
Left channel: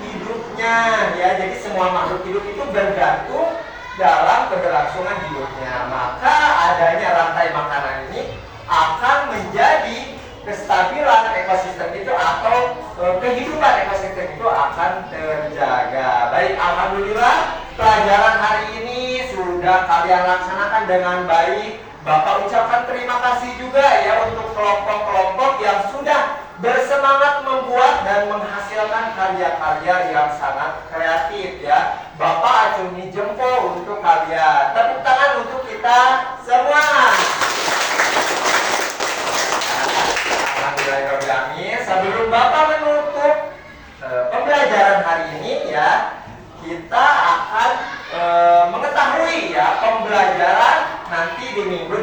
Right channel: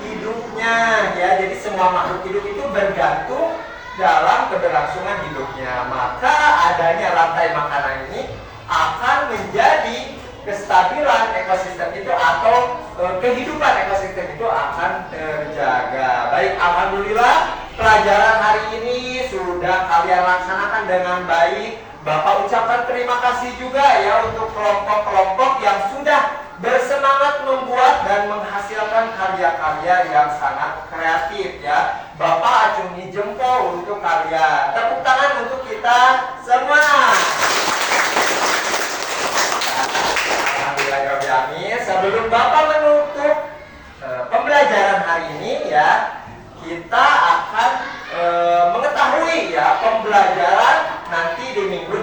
hidupnya ya. Jadi semua makhluk hidup itu bergantung dalam keberlangsungan hidupnya. Maka adanya rantai makanan ini akan menjadi kestabilan ekosistem itu atau kehidupan ekosistem itu akan terjaga. Baik, alhamdulillah pelajaran hari ini sudah kalian laksanakan dengan baik. Bapak ucapkan terima kasih juga ya untuk kelompok-kelompok yang sudah bersemangat membuat dan menghasilkan karya-karya yang sangat kreatif ya. Bapak acungi jempol untuk kalian. Tepuk tangan untuk kita semua. Alhamdulillah. Sebelum Bapak menutup pembelajaran hari ini ya, kita akan mengetahui ya pembelajaran nanti di minggu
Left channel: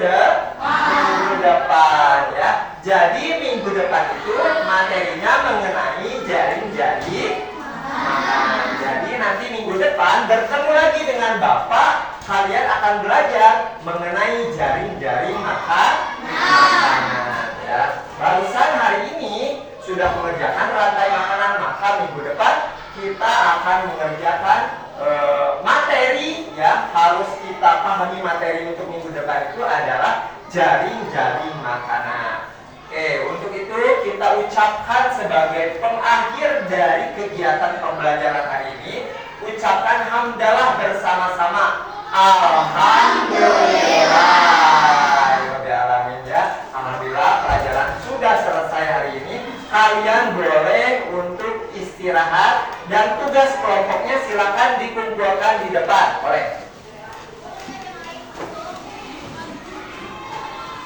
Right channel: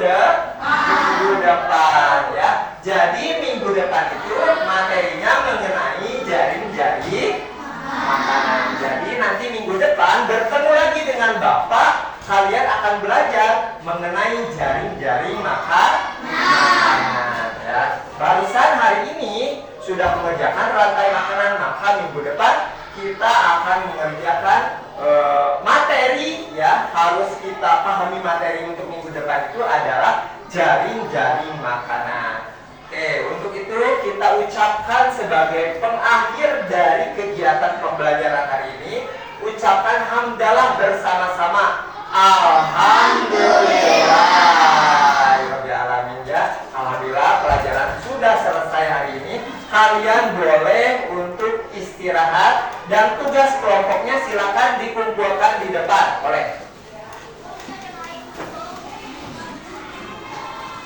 depan ya. Jadi minggu depan itu materinya mengenai jaring-jaring makanan. Jadi nanti minggu depan bertemu lagi dengan Bapak, kalian akan belajar mengenai jaring-jaring makanan ya. Barusan hari ini sudah mengerjakan rantai makanan, maka minggu depan kita akan mengerjakan materi ya. Harus kita pahami materi untuk minggu depan itu adalah jaring-jaring makanan. Oke, untuk itu kita ucapkan sebagai pengakhir dari kegiatan pembelajaran hari ini, ucapkan hamdalah bersama-sama. Alhamdulillah. Alamin ya. Alhamdulillah pelajaran sudah selesai hari ini. Kalian boleh untuk istirahat dan tugas kelompoknya silakan dikumpulkan di depan. Boleh.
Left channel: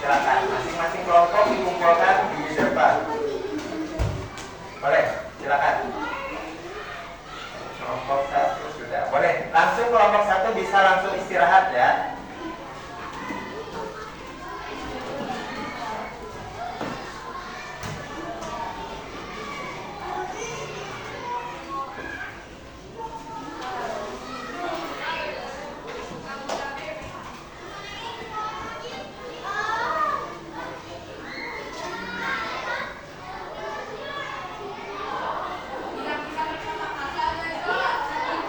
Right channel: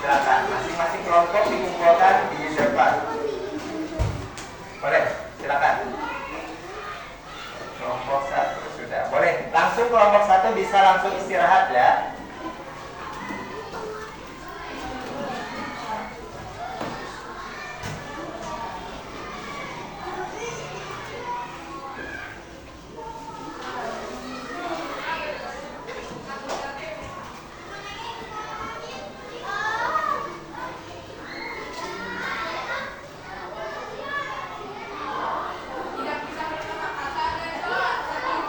Silakan masing-masing kelompok dikumpulkan di depan. Boleh, silakan. Kelompok 1 sudah. Boleh, langsung kelompok 1 bisa langsung istirahat ya.